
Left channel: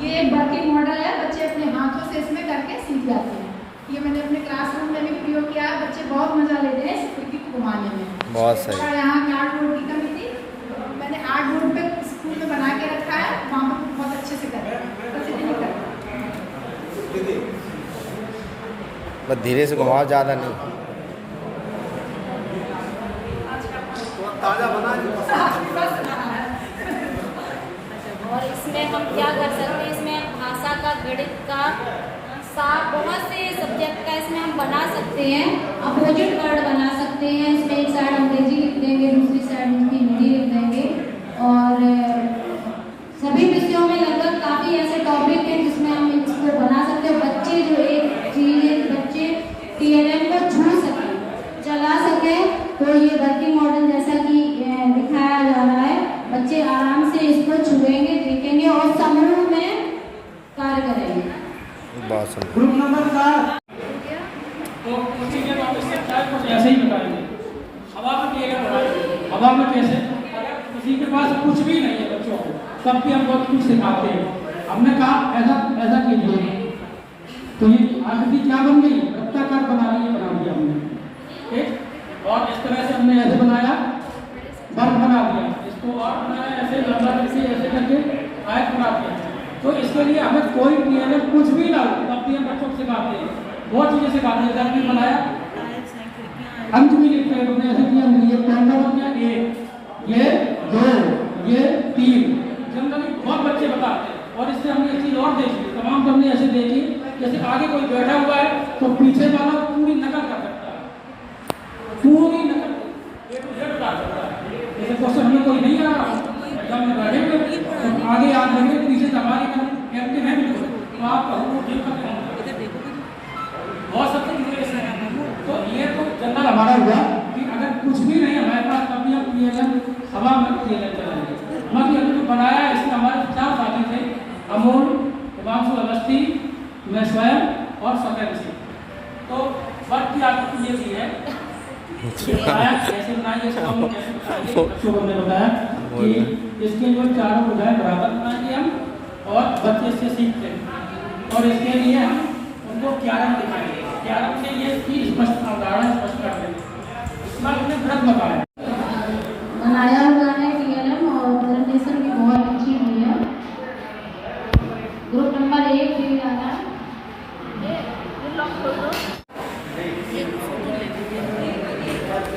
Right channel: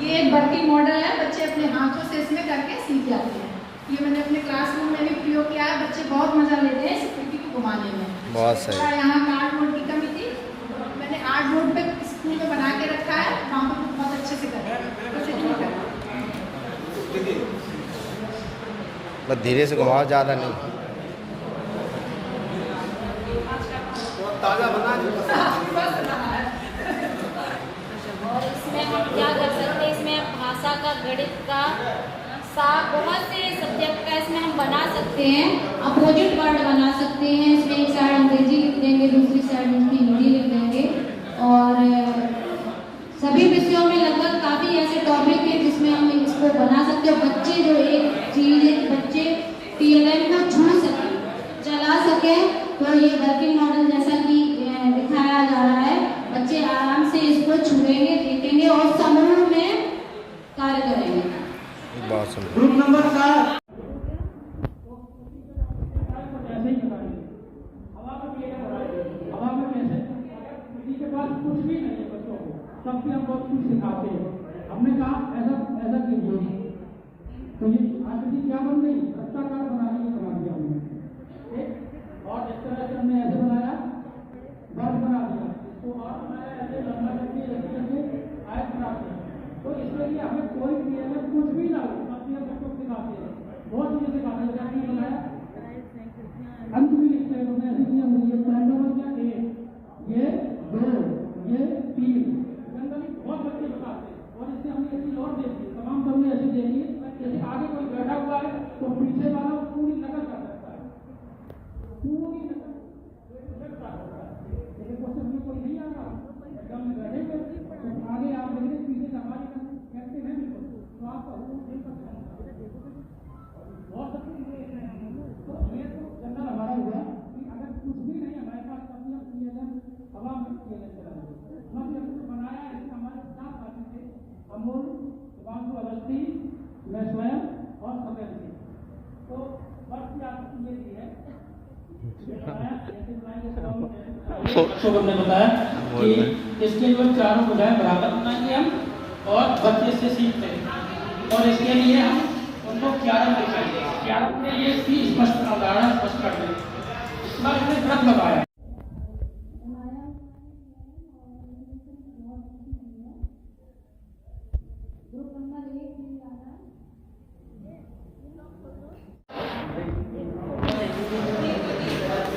ये वर्किंग मॉडल है, बच्चे अपने हाथों से इसमें करके सीख जाते हैं। ये मैंने अपने क्लासरूम में भी प्रयोग किया है, बच्चे बहुत मजा लेते हैं इस खिड़की को घुमाने में। बहुत सही। और यहाँ कार्डबोर्ड की कमी थी, मैंने आर्टबोर्ड पे स्कूल में बना के रखा है, वहाँ पर बहुत अच्छे से कर रहे हैं, बस इतनी कर बस धीरे से घुमाओ, ज़्यादा नहीं। ताज़ा बना और इसमें हम क्या कर सकते हैं, इसमें भाषा का, गणित का, बहुत से सब्जेक्ट का इसमें हम बना सकते हैं। अपोजिट वर्ड बना सकते हैं, इसमें एक साइड अंग्रेजी लिख देंगे, दूसरी साइड उसकी हिंदी लिख देंगे। और सभी विषयों में लगभग काफ़ी ऐसे टॉपिक हैं जिसमें हम इसको बना सकते हैं। बच्चे जो एक चीज़ है कि बच्चे TLM को छू सकें, चला सकें, तो ये वर्किंग मॉडल जैसा कि दिखाया जा रहा है, बच्चे आराम से इसको छुएंगे, देखेंगे और समूह में कार्य करेंगे। बहुत सुंदर। ग्रुप नंबर 4 तो ऐसे ही बताएंगे। अब आप कुछ भी नहीं है बच्चों को, तब भी हम बहुत कुछ सिखाते हैं। हमने कहा ऐसा कीजिए, तो ये आकृति क्या बन गई, वृत्ताकार बना दिया हमने, ठीक। और इस तरह से हमने ऐसे बनाया, वर्ग बना दिया, इसको और बनाया ऐसे लंबा ऐसे करके आयत बना दिया। तो इसके लिए हमें कोई PLM कुछ भी ना हो, तब भी हम बच्चों को सिखाते हैं, बहुत चीजें सिखाते हैं। जब भी बनाया अंक भी लिखते हैं, हमने ऐसे किया, ये पहला बन गया 1, ये 2, ये 3, जनरली बहुत बच्चे बताते हैं। और इससे हमने एक चीज और देखी, तमाम हमने ऐसे देखी, जैसे आगे कोई बैठा हुआ है तो पीछे वाला पूरी नकल कर सकता है, पूरी नकल बता सकता है। जैसे क्वेश्चन हमें कोई नहीं आ रहा, एग्जाम में बैठे हुए तो आगे याद रखेंगे, पीछे हमारी कहते हैं बिल्कुल, तो आप कहो देख सकते हैं, बहुत सबसे क्लियर है। तो ये तो जनरल हमारा हुआ कि अगर कुछ भी नहीं हमारे पास, तभी हम PLM हवा में PLM चलाएंगे। बाकी हमने जो बनाया है, इसमें हमारे 4 साथी थे, अमोल, हिमांशु अवस्थी, मैं स्वयं और सत्यन सिंह। तो वर्क की आकृति ये भी है, कैसे बनाइए, बच्चों को हमने बताया कि इसके लिए चारों बजाय बराबर बनाएंगे हम, और बच्चे इससे सीखते हैं। और इसके लिए हम उनको क्यारम दिखाएंगे, क्यारम से ये स्पष्ट अवधारणा स्पष्ट करते हैं। इस बार हमने व्रत बताया, बनाया हुआ है PLM, और प्रेजेंटेशन भी बहुत अच्छी हुई है। ग्रुप नंबर 1 भी आना,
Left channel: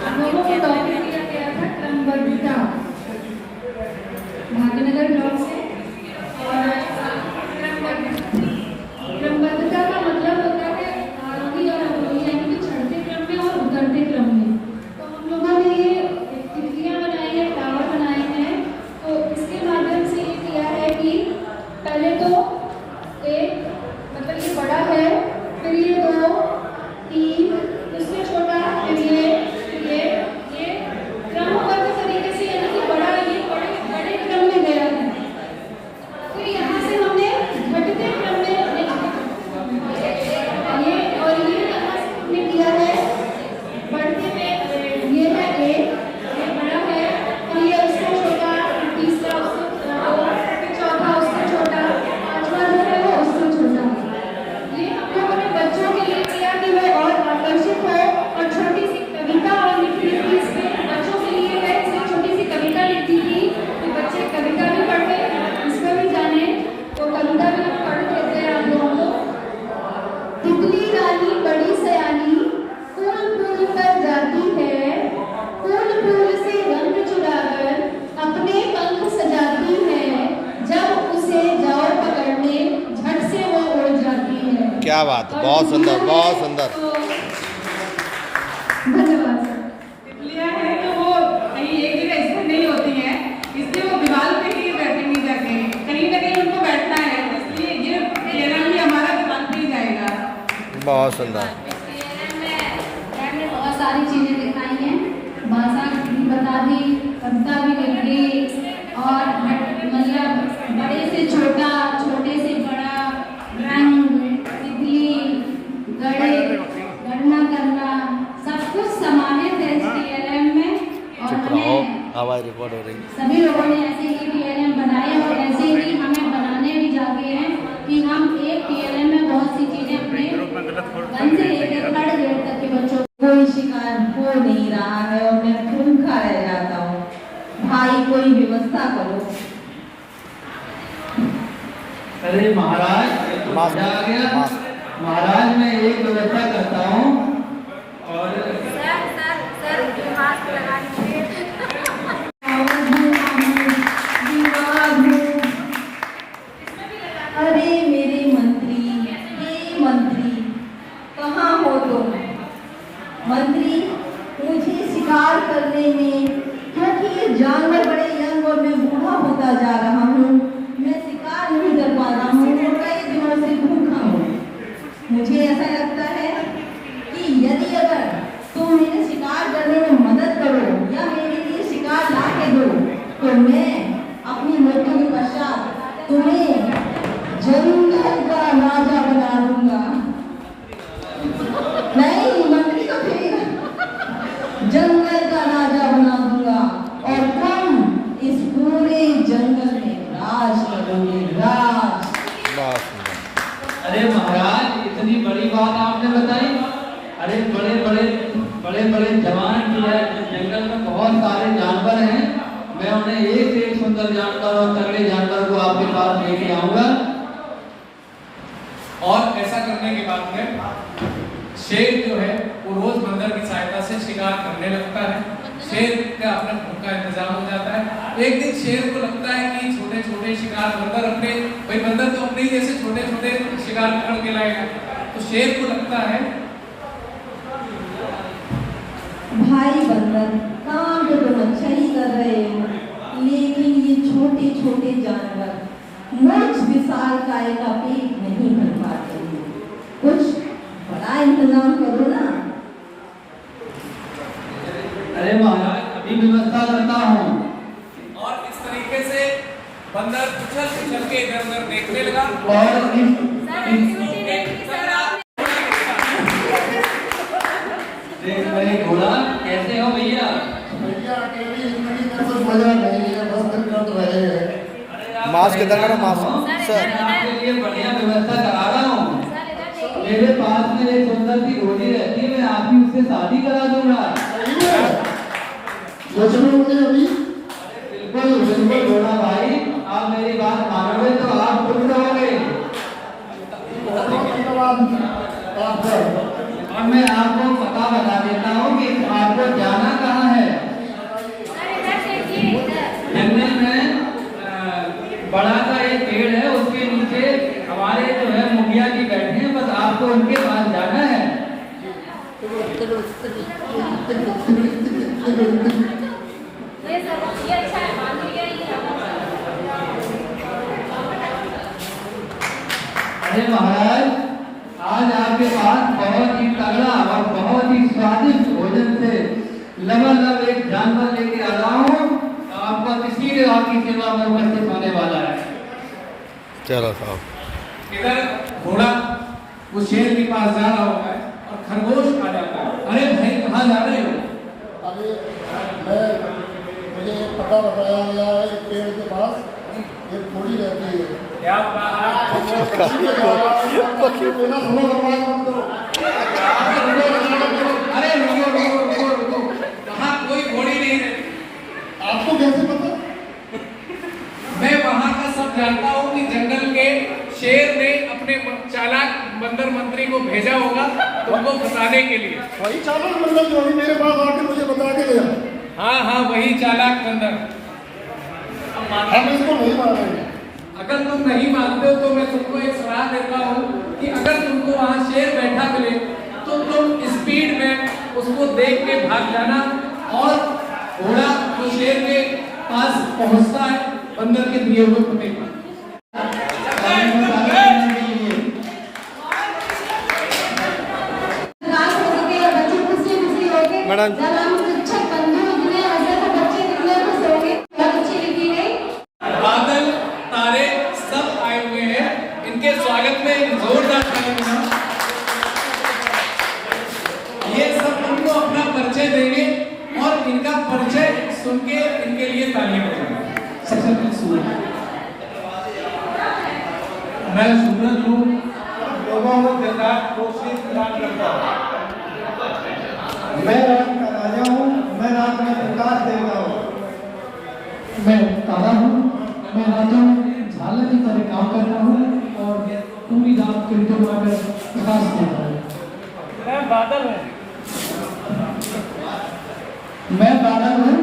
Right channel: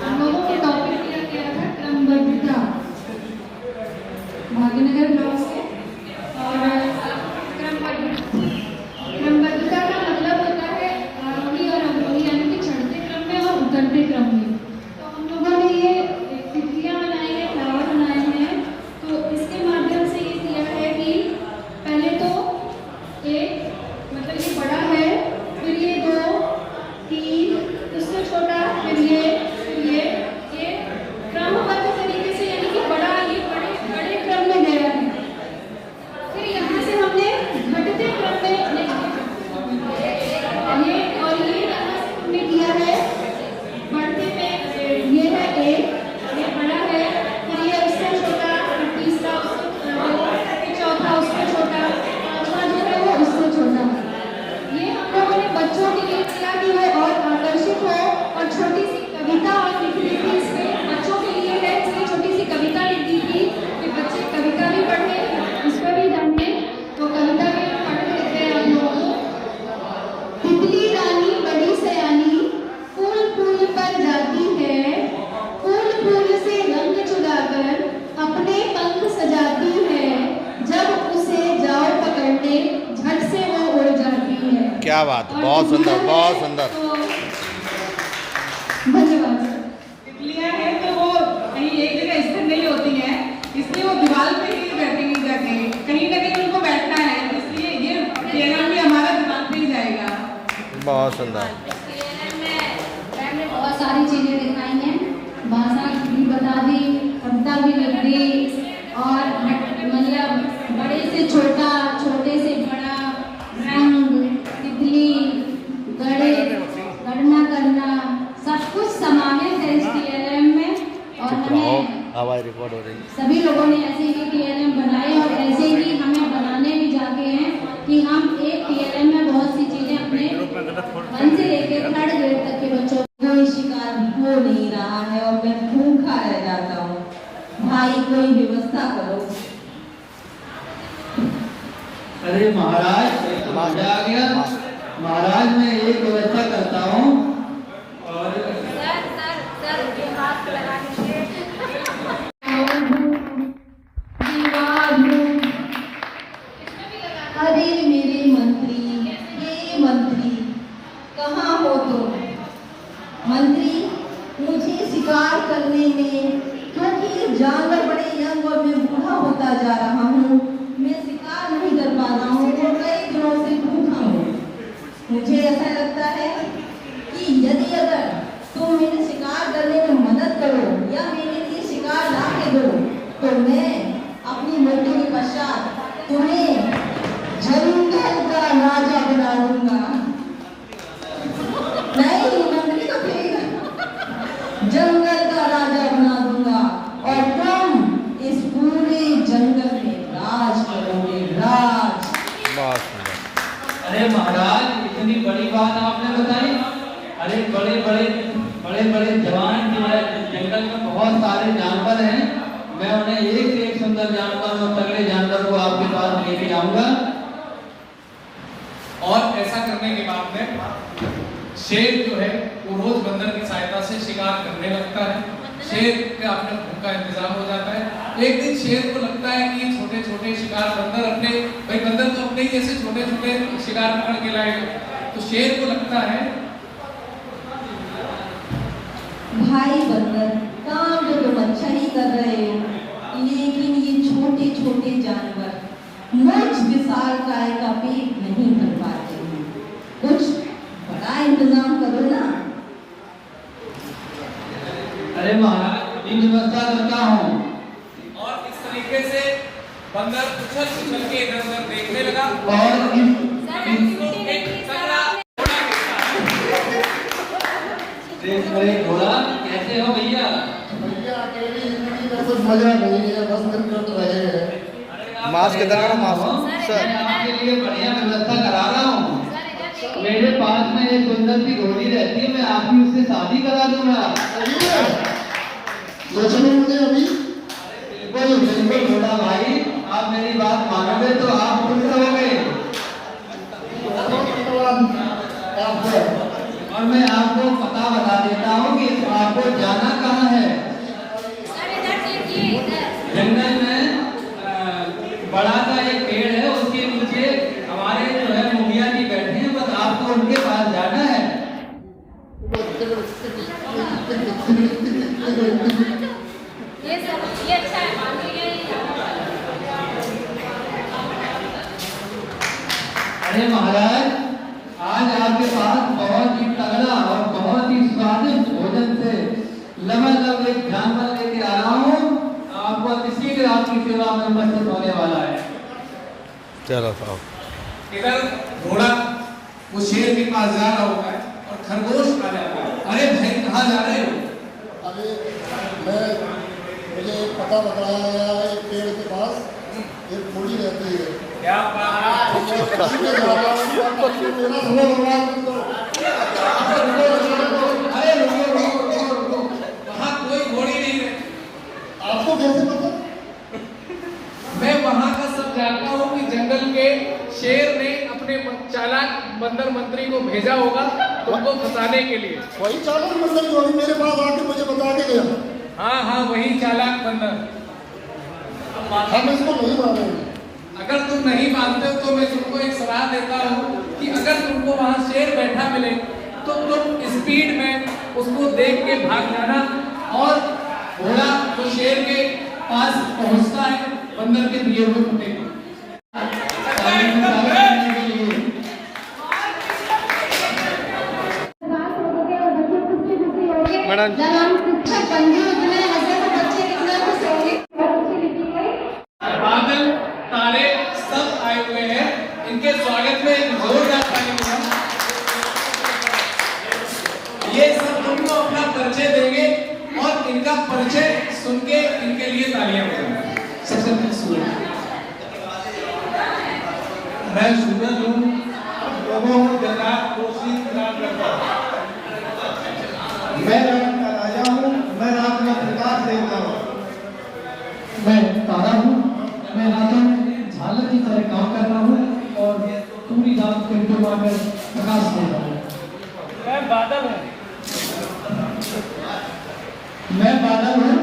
हम लोगों को टॉपिक दिया गया था क्रमबद्धता, भाग्यनगर ब्लॉक से। और क्रमबद्धता का मतलब होता है आरोही और अवरोही, यानी कि चढ़ते क्रम में और उतरते क्रम में। तो हम लोगों ने ये तितलियां बनाई है, फ्लावर बनाए हैं। तो इसके माध्यम से ये किया है कि पहले तो एक मतलब ये बड़ा है, फिर ये 2, 3, इससे छोटा, फिर ये क्रमबद्ध तरीके से, यानी कि बड़ा, ये बड़े क्रम में गया है। फिर यहाँ से हमने घटते क्रम में ये, और ये यहाँ से हमने किया है बढ़ते में, ये है 1, ये बड़ा है, फिर ये उससे छोटा, तीसरा उससे, फिर चौथा उससे छोटा, पांचवा जो है वो उससे छोटा। ये हम लोगों ने बच्चों के लिए किया कि वो और आकर्षित हो, और छोटी सी कविता और लिखी थी इसमें, बच्चों के लिए है, इसलिए छोटी सी कविता लिखी थी कि बच्चे कविता भी पढ़ ले, इसमें भी जाने। तो कविता भी हम पढ़ लेते हैं हम लोग। तितली रानी बड़ी सयानी, फूल फूल पर जाती है, फूल फूल से रंग चुराकर अपने पंख सजाती है, जब उसे जाओ पकड़ने झट से वो उड़ जाती है। क्या बात, बहुत सुंदर, बहुत सुंदर। धन्यवाद। तितलियां हैं तो वो कहीं एक जगह स्थिर नहीं होती हैं, इसलिए वो दीवार पे ही बैठेंगी जाके, कहीं ना कहीं उनको बैठना है, इसलिए ये PLM भी हमारा दीवार पे ही जाएगा। बहुत सुंदर। मैम ने बहुत सारी चीजें दिखाई हैं, भाषा भी बता दी, कविता भी लिख दी, और मतलब बड़े से छोटा, छोटे से बड़ा, रंग, तितली, गणना करना, सब कुछ समावेश है इस PLM में। और हमें हमारी रिकॉर्ड हो रही है। सभी लोगों ने ऐसे ही PLM बनाए, और ऐसे ही हमें बनाने भी जाते हैं कि हम एक PLM में बहुत सी चीजें अपने 1 से लेकर 3rd ग्रेड तक के बच्चों कोई शिकार हो नहीं रहा है और मैं भूखा रह जाता हूँ, भाई कोई व्यवस्था करो। अरे महाराज, ये तो मजा आ गया। महाराज मैं एक व्यवस्था करता हूँ, और सर जो हाथ लगा दीजिए। अरे मेरे मंत्री, ये मंत्री कहाँ हो तुम? मंत्री, मुझे शिकार करने में, क्योंकि जानवर बड़े यंग और मैं बूढ़ा होता जा रहा हूँ, मैं शिकार नहीं कर पा रहा हूँ, कई दिनों से भूखा हूँ। मुझे ऐसा लगता है कि यदि अगर तुम मेरे शिकार करने में मदद करो या मेरे लिए शिकार ला के दो, तो मैं अपनी मृत्यु के पश्चात तुम्हें जंगल का राजा बना दूंगा। नहीं, मंत्री तो फिर जंगल का राजा बना दूंगा, और तुम इस पूरे बहुत सारे जानवर हैं, मैं उन्हें एक से एक सुंदर जानवर और तरले जानवर को आपके पास लेके आऊंगा। और ऐसा करने के बाद में शेर जो है वो रोज बंदर की सहायता से शिकार करने लगता है। शेर का अपना भूख का इंतजाम हो जाता है। एक दिन शेर को लगता है कि छोटे छोटे शिकार बंदर अपने भाई बंदर तो अपने ही जैसे छोटे छोटे शिकार पकड़ के लाएगा, तो शेर को लगता है भाई बंदर, काम तो तुम अच्छा ही कर रहे हो, लेकिन ये छोटे छोटे जानवर मुझ विशाल काय का पेट नहीं भर पाते हैं। कुछ बड़ा इंतजाम करो ना। अरे महाराज, अभी व्यवस्था करता हूँ। और इस तरीके से बंदर उछल उछल के इधर उधर देखने लगा। और घोड़ा कैसे हो भैया? भैया अकेली जिंदगी में कुछ मजा नहीं है, बस दिन कट रहे हैं। मास्क इधर करो, मास्क सर। मैं आपके लिए बढ़िया व्यवस्था करा रहा हूँ। मेरे पास में एक सुंदर सी घोड़ी रहती है, मैं आपकी उससे शादी करा दूंगा। सोच लो मुझे अभी। बिल्कुल बिल्कुल घोड़ा भाई, आप मेरी बात मानोगे तो आप खुश रहोगे। बहुत धन्यवाद आपका। और मैं आपको पता बता देता हूँ कि आपको जाना कहाँ है। जंगल में बड़ा सा एक पेड़ है, उसके नीचे हमारे जो है मुखिया जी बैठे हैं, बस आपको उनके पास जाना है। अरे महाराज, आज आपके पास बहुत ही तगड़ा और बहुत ही स्वादिष्ट भोजन से लबालब एक जानवर लेके आ रहा हूँ। आपको इसीलिए आपकी सेवा में उपस्थित होने वाला है। चलो साहब। इधर घोड़ा वो शेर के पास जा रहा होता है और खरगोश आ जाता है। अरे भाई कहाँ जा रहे हो? अरे मुझे पता बताया गया है, एक पेड़ के पास एक घोड़ी रहती है। क्या बात है? मेरा समय बर्बाद मत करो। अरे रुको, वहाँ कोई घोड़ी नहीं है। आपको कैसे पता? मैं वहाँ का सब जानता हूँ कि जंगल के शेर ने अपने चालाक बंदर मंत्री को भेजा होगा तुमको फंसाने के लिए। वही चालाक बंदर जो अभी मेरे पास आके मुझे बता के गया। हाँ, वही चालाक बंदर। हम इसको नहीं मानेंगे। अगर तुम नहीं मानते हो तो मैं तुमको एक सलाह देता हूँ कि अगर तुमको वहाँ शेर बैठा मिले तो तुम स्पीड में उसको देख के भाग जाना, और घोड़ा वो शेर के पास पहुँचता है बंदर के दिए हुए पुटे को। मैडम बादल तारे सब आए हुए हैं, इनके स्वागत में एक जोरदार ताली बजाओ। ये सब तुमको अपना परिचय देंगे और इनका परिचय सुन के इनके लिए तालियां बजाओ। सबसे पहले सूरज। मैं सूरज हूँ, लोगों को जल्लाद कोशिश रात करता हूँ। मैं रात का राजा हूँ, मैं रात का प्रकाश देता हूँ। मैं तारा हूँ, मैं राजा झालर की तरह काम कर रहा हूँ और पूरी रात को डुबाकर प्रकाश दे रहा हूँ। मैं बादल हूँ। मैं बादल हूँ,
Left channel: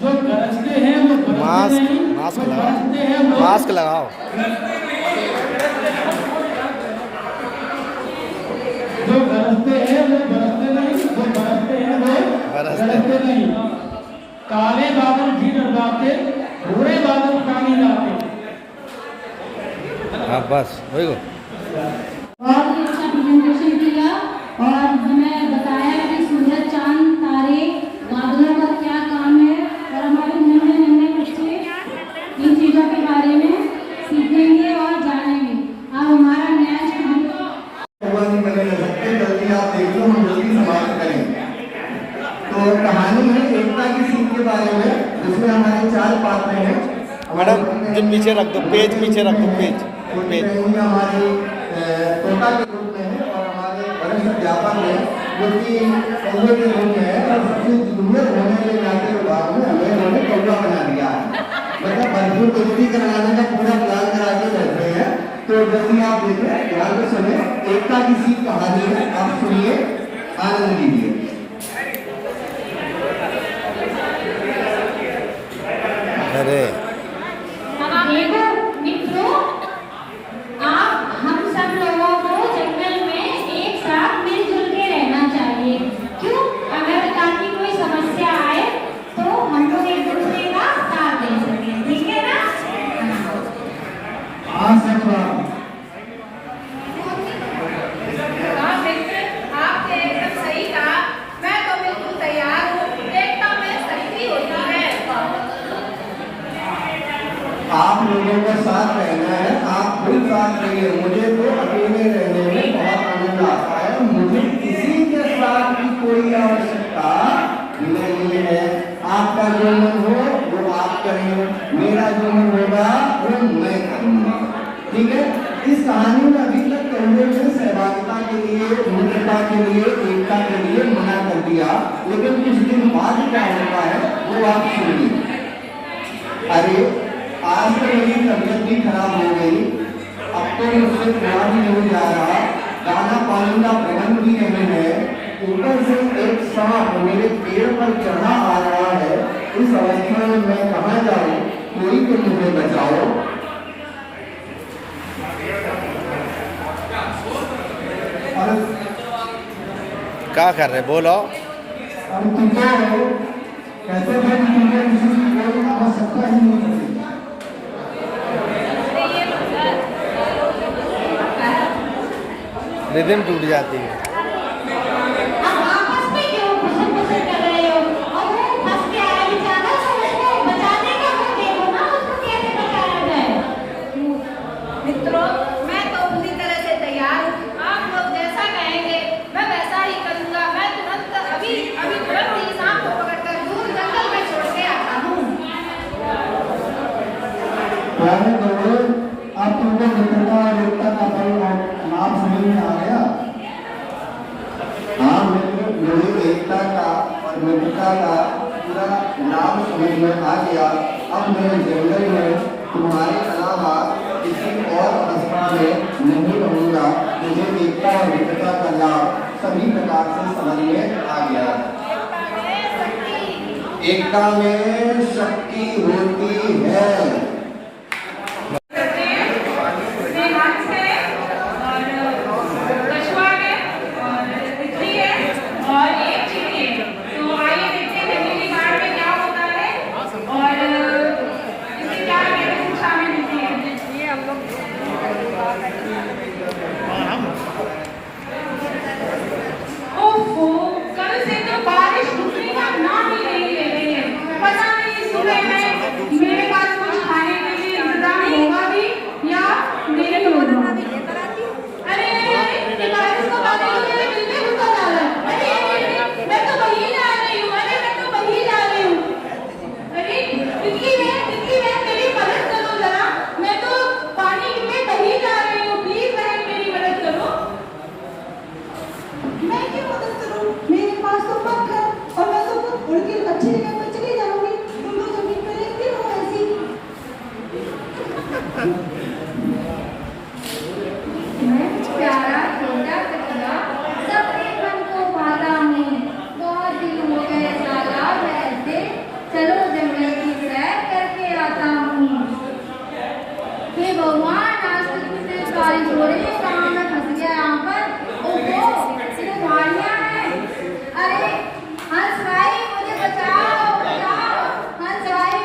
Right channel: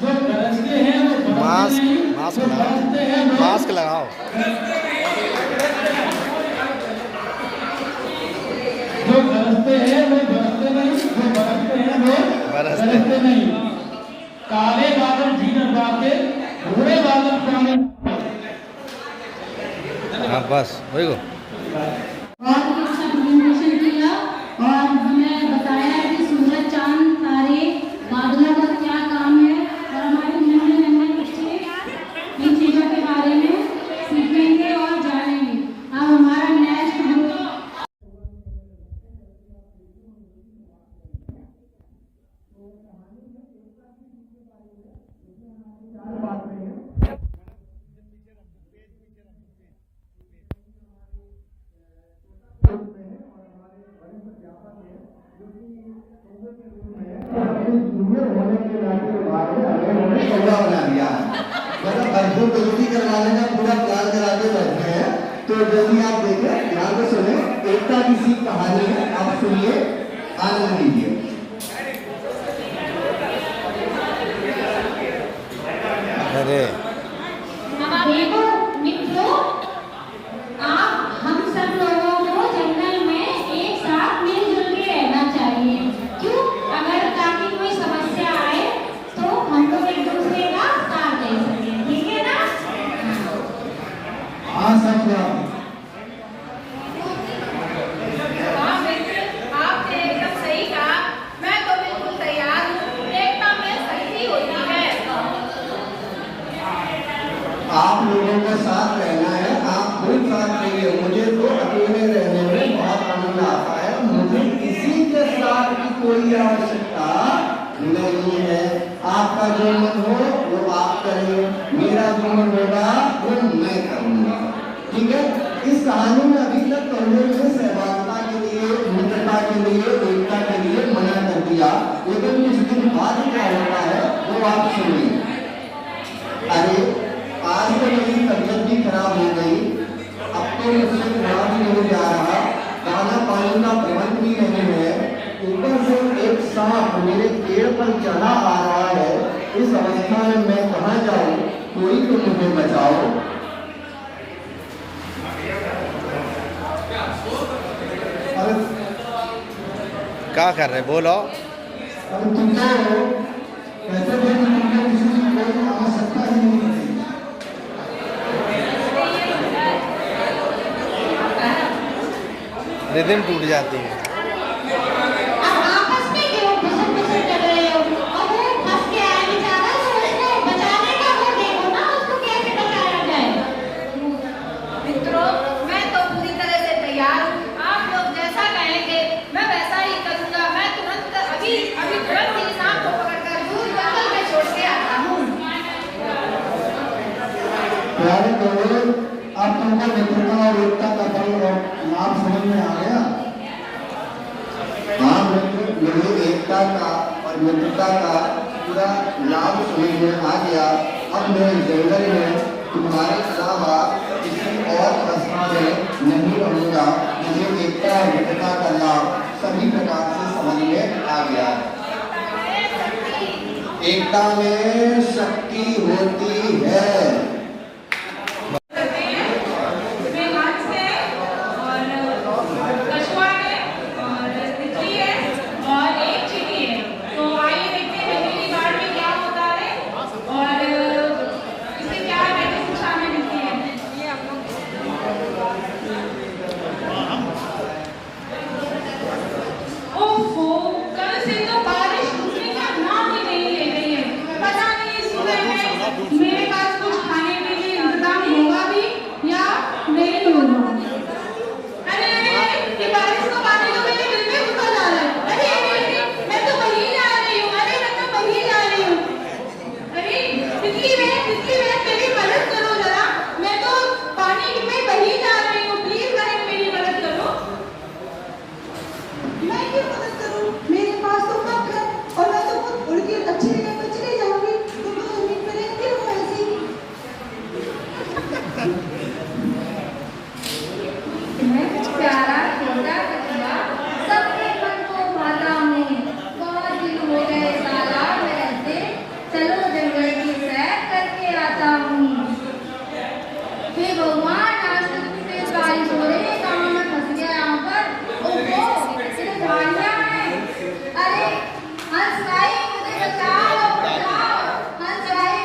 जो गरजते हैं वो बरसते मास्क नहीं, मास्क जो लगाओ, बरसते हैं वो मास्क लगाओ। जो गरजते हैं वो बरसते नहीं, जो बरसते हैं वो गरजते नहीं। काले बादल जी डरवाते, भूरे बादल पानी लाते। हाँ बस वही को। बहुत ही अच्छा प्रेजेंटेशन किया और हमें बताया कि सूरज, चांद, तारे, बादलों का क्या काम है, और हमारे नन्हे नन्हे बच्चे इन चीज़ों के बारे में सीखेंगे और जानेंगे। अब हमारा नेक्स्ट जल्दी आप देख लो, हम जल्दी समाप्त करेंगे। तो कहानी है एकता की सीख के बारे में, जिसमें हमारे 4 पात्र हैं। मैडम जो पीछे रख दो, पेज पीछे रख दो, पेज हमारे तोता के रूप में है और हमारे वरिष्ठ अध्यापक हैं जो कि कौवे के रूप में है और सबसे जूनियर होने के नाते जल्दी आप देखें, ध्यान से सुने, एकता की सी कहानी है, आप सुनिए, आनंद लीजिए। अरे देखो मित्रों, आप हम सब लोगों को जंगल में एक साथ मिलजुल के रहना चाहिए। क्यों? अगर ताकि कोई समस्या आए तो हम लोग एक दूसरे का साथ दे सकें, ठीक है ना? हाँ सच बात। हाँ मित्र, आपने एकदम सही कहा। मैं तो बिल्कुल तैयार हूँ। एकता में शक्ति होती है। आप लोगों को साथ रहना है, आप खुद साथ रहिए। मुझे तो अकेले रहने में बहुत आनंद आता है, मुझे किसी के साथ की कोई आवश्यकता नहीं है। आपका जो मन हो वो आप करें, मेरा जो मन होगा वो मैं करूँगा, ठीक है? इस कहानी में अभी तक कौवे ने सहभागिता के लिए, मित्रता के लिए, एकता के लिए मना कर दिया, लेकिन कुछ दिन बाद क्या होता है वो आप सुनिए। अरे आज तो मेरी तबीयत भी खराब हो गई, अब तो मुझसे खाना भी नहीं जा रहा, दाना पानी का प्रबंध भी नहीं है, ऊपर से एक सांप मेरे पेड़ पर चढ़ा आ रहा है। इस अवस्था में मैं कहाँ जाऊँ? कोई तो मुझे बचाओ। क्या कर रहे, बोलो। अब तुम कहते हैं कि तुमको किसी की कोई आवश्यकता ही नहीं पड़ेगी। रिदम टूट जाती है। अब आपस में क्यों खुशी कर रहे हो? और वो फंस के आया बेचारा, तो उसको बचाने का वो देखो ना, उसको कैसे बचाया जाए। मित्रों, मैं तो पूरी तरह से तैयार हूँ। आप लोग जैसा कहेंगे मैं वैसा ही करूँगा। मैं अभी तुरंत ही सांप को पकड़कर दूर जंगल में छोड़ के आता हूँ। प्यारे कौवे, अब तुमको मित्रता और एकता का बल और नाम समझ में आ गया? हाँ मित्र, मुझे एकता का और मित्रता का पूरा नाम समझ में आ गया। अब मैं जंगल में तुम्हारे अलावा किसी और अवस्था में नहीं रहूँगा। मुझे एकता और मित्रता का लाभ सभी प्रकार से समझ में आ गया। एकता में शक्ति होती है। मेरे पास कुछ खाने के लिए इंतजाम होगा भी या नहीं होगा? अरे अरे अरे, ये बारिश का पानी तो मेरे दिल में घुसा जा रहा है। अरे अरे, मैं तो वहीं जा रही हूँ। अरे मैं तो वहीं जा रही हूँ। अरे तितली बहन मेरी मदद करो जरा, मैं तो पानी में वहीं जा रही हूँ, प्लीज बहन मेरी मदद करो। मैं क्या मदद करूं? मेरे पास तो पंख है और मैं तो खुद उड़ के अच्छी जगह पे चली जाऊंगी। तुम लोग उम्मीद करें क्यों हो ऐसी? प्यारा छोटा कछुआ सबके मन को भाता हूँ। बहुत दिन हो गए तालाब में रहते, चलो जंगल की सैर करके आता हूँ। हे भगवान, आज तो कितनी बारिश हो रही है, कहाँ मैं फंस गया यहाँ पर। ओहो, इतने झाड़ियाँ हैं। अरे हंस भाई, मुझे बचाओ बचाओ। हंस भाई,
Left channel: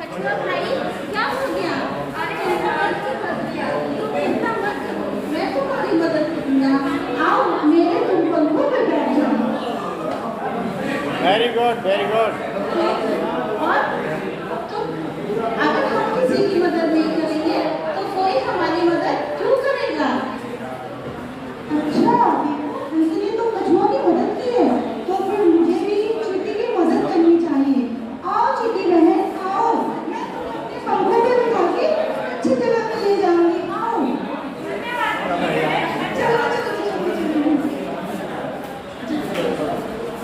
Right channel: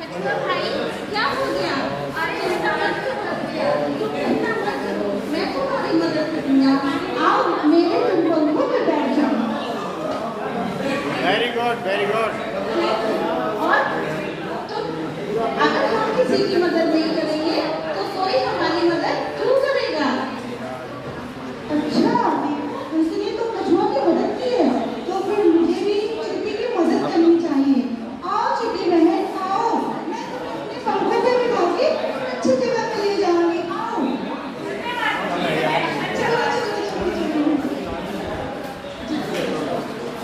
कछुआ भाई क्या हो गया? अरे ऐसा मत किया, चिंता मत करो, मैं तुम्हारी मदद करूंगा। आओ मेरे तुम पंखों पे बैठ जाओ। Very good, very good. और तुम, अगर हम किसी की मदद नहीं करेंगे तो कोई हमारी मदद क्यों करेगा? अच्छा, इसलिए तुम कछुआ की मदद की है, तो फिर मुझे भी चींटी की मदद करनी चाहिए। आओ चींटी बहन, आओ, मैं तुम्हें अपने पंखों पे बिठा के अच्छी जगह पे ले जाऊंगी। आओ।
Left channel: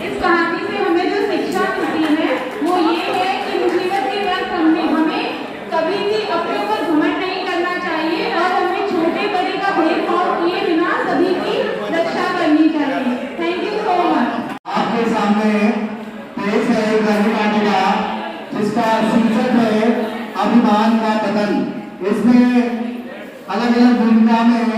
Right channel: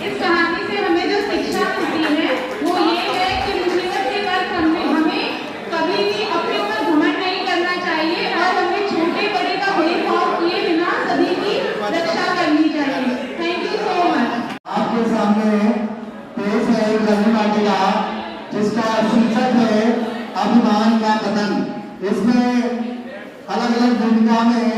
इस कहानी से हमें जो शिक्षा मिलती है वो ये है कि मुसीबत के वक्त हमें कभी भी अपने ऊपर इसमें अलग अलग भूमिका में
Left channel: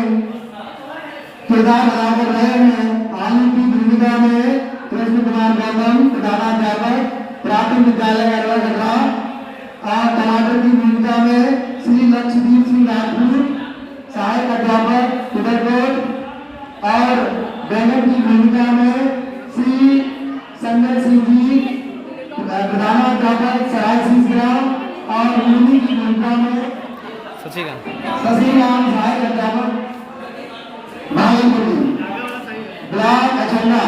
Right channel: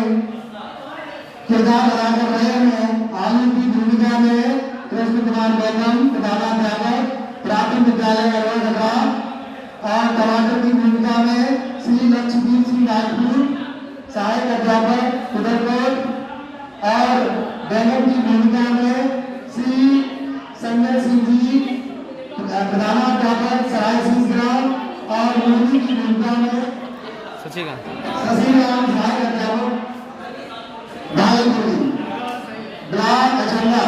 किरदार अदा कर रहे हैं। आलू की भूमिका में कृष्ण कुमार गौतम प्रधानाध्यापक प्राथमिक विद्यालय अरवल और टमाटर की भूमिका में श्री लक्ष्मीदीप सिंह राजपूत सहायक अध्यापक उदयकोट और बैंगन की भूमिका में श्री संजय सिंह जी प्रधानाध्यापक सराय ग्राम और मूली की भूमिका में शशिकांत सहायक अध्यापक भागलपुर ब्लॉक अचंडा।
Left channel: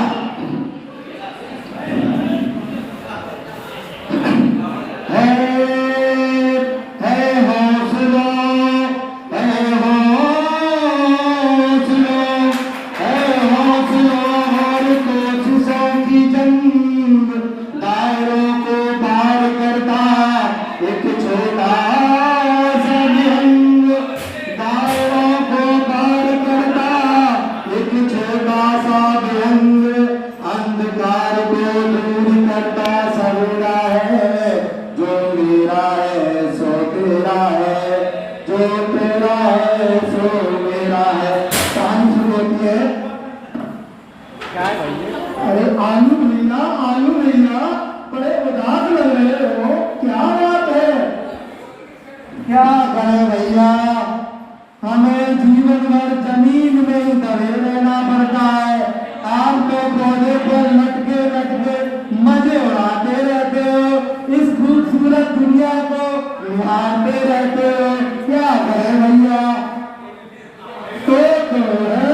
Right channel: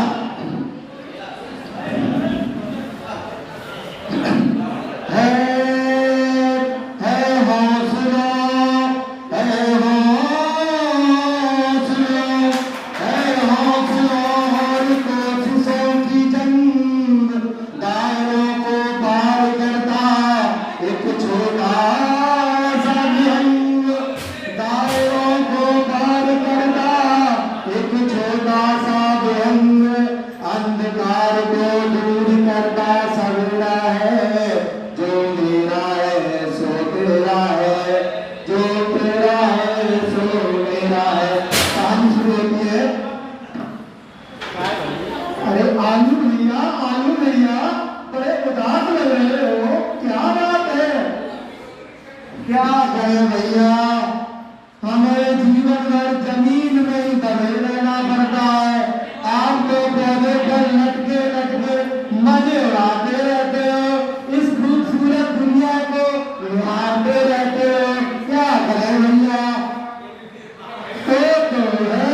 क्या करें भैया, हमें जीवन भर जमीन में ही दबे रहना पड़ता है। आप तो पौधे पर लटके लटके मजे उड़ाते रहते हो, इस खूबसूरत दुनिया को निहारते रहते हो। क्या करें भैया, तो है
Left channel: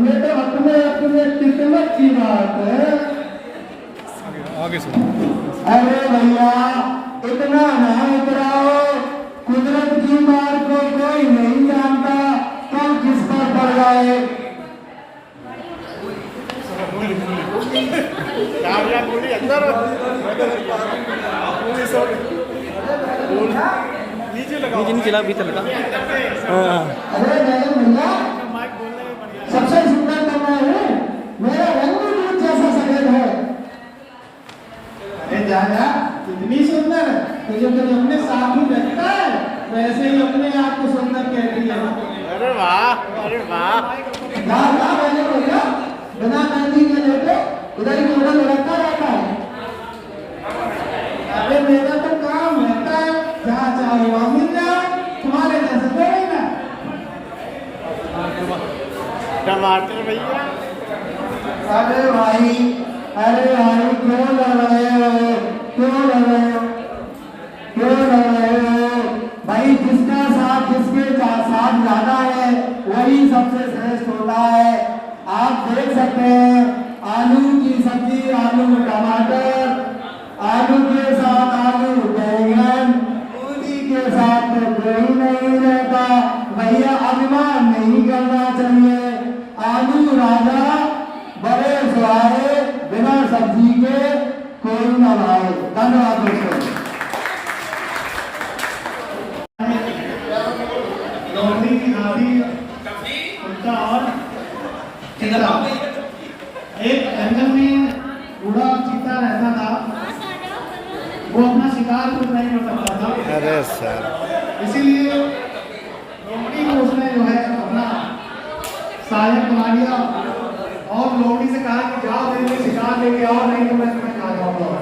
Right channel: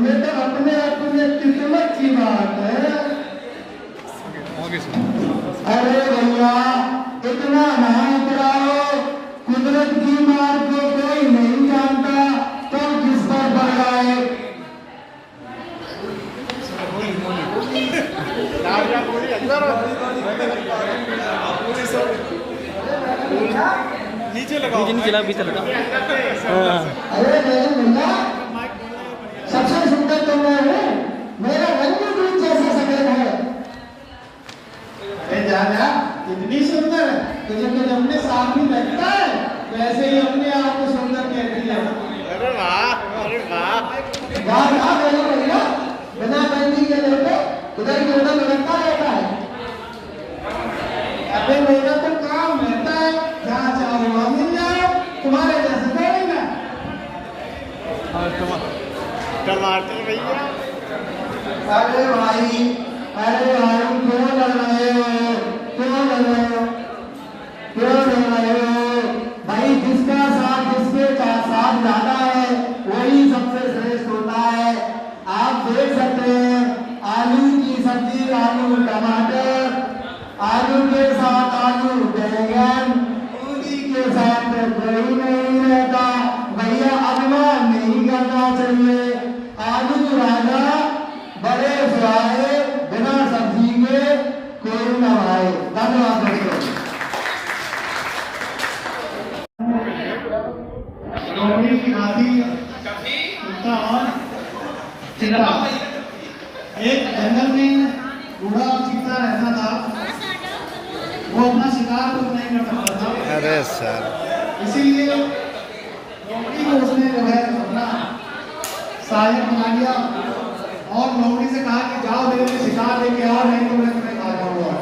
ये तो अपने अपने किस्मत की बात है। अरे भैया इतना ना उतराओ, कुदरत की मार को कोई नहीं जानता कब किस पर पड़ जाए। नीचे लगा भीतर लगा। अरे भैया सबसे सुंदर तो मैं हूँ, मेरा रंग भी दूध जैसा सफेद है। अरे जा इतनी सुंदर तुझे तो अपने साथ ही लगता है, वैसे ही अपने आप को सुंदर कहती है। अरे वाह अरे वाह भैया बिना कंदी के लेके इधर की उधर लगता रहता है। अबे मेरा तो काम रहता है, जहाँ चाहो वहाँ मिल जाओ, तुम्हारे जैसे करेगा। टमाटर भैया अरे भाई क्यों लड़ रहे हो, क्यों लड़ रहे हो, क्यों लड़ रहे हो भाई। जिसका साथ जिसके साथ ज्यादा है वही सबसे श्रेष्ठ होता है। आप देख सकते हैं आलू की सब्जी, आलू टमाटर, आलू के साथ आलू बैंगन, मूली के साथ तो कोई नहीं रहता। भैया अभिमान नहीं करना चाहिए। आलू राजा बड़े स्वाए, बिना सब्जी के कोई न भाए। धन्यवाद दोस्तों। नौकरी की हाथी कुत्ता और चीता, एक जंगल में बूढ़ा चीता रहता था। वो अपना शिकार खुद नहीं कर सकता था। अरे सर इसीलिए नौकरी को उसने जो है अपना सहायक बना लिया और लोमड़ी से कहा कि जाओ देंगे शिकार लेके आओ, नहीं तो मैं तुम्हें खा जाऊंगा।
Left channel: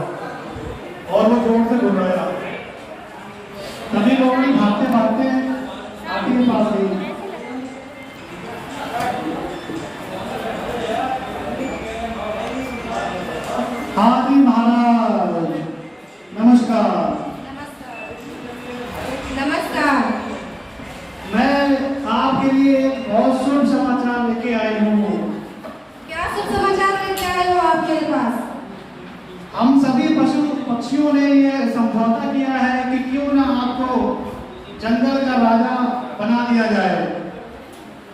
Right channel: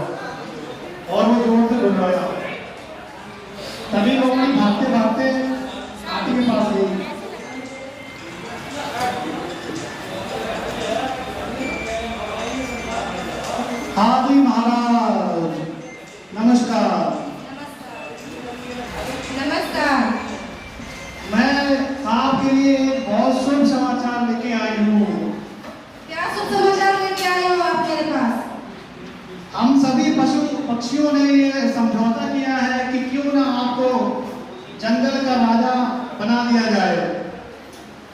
और वो जोर से घूम रहा था। तभी लोमड़ी भागते भागते हाथी के पास गई। हाथी महाराज नमस्कार। नमस्कार। मैं आपके लिए एक बहुत शुभ समाचार लेके आई हूँ। क्या शुभ समाचार लेके आए हो आप मेरे पास? हम सभी पशु पक्षियों ने यह समझौता किया है कि क्यों ना आपको जंगल का राजा बना दिया जाए।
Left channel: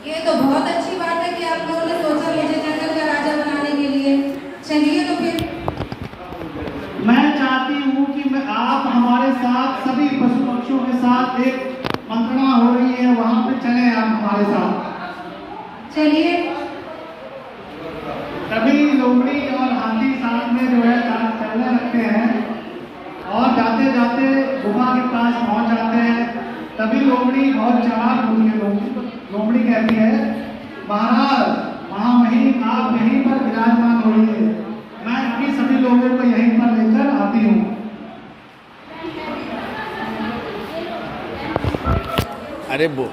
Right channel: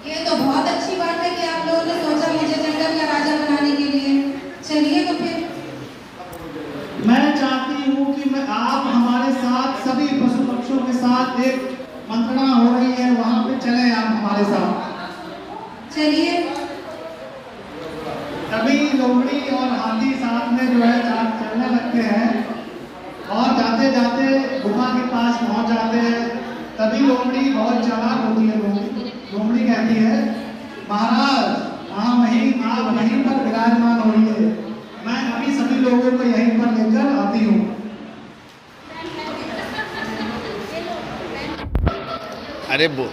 ये तो बहुत अच्छी बात है कि आप लोगों ने सोचा मुझे जंगल का राजा बनाने के लिए। चलिए तो फिर। मैं चाहती हूँ कि आप हमारे साथ सभी पशु पक्षियों के साथ एक मंत्रणा हो रही है, वहाँ पे चले आप हमारे साथ। चलिए। तभी लोमड़ी और हाथी साथ में जो है चलने लगते हैं और जाते जाते गुफा के पास पहुँच जाते हैं। तभी लोमड़ी बहुत चालाक होती है। लोमड़ी कहती है, महाराज आप यहीं पर विराजमान होइए, मैं अभी सभी लोगों को यहीं पर लेकर आती हूँ। अरे वो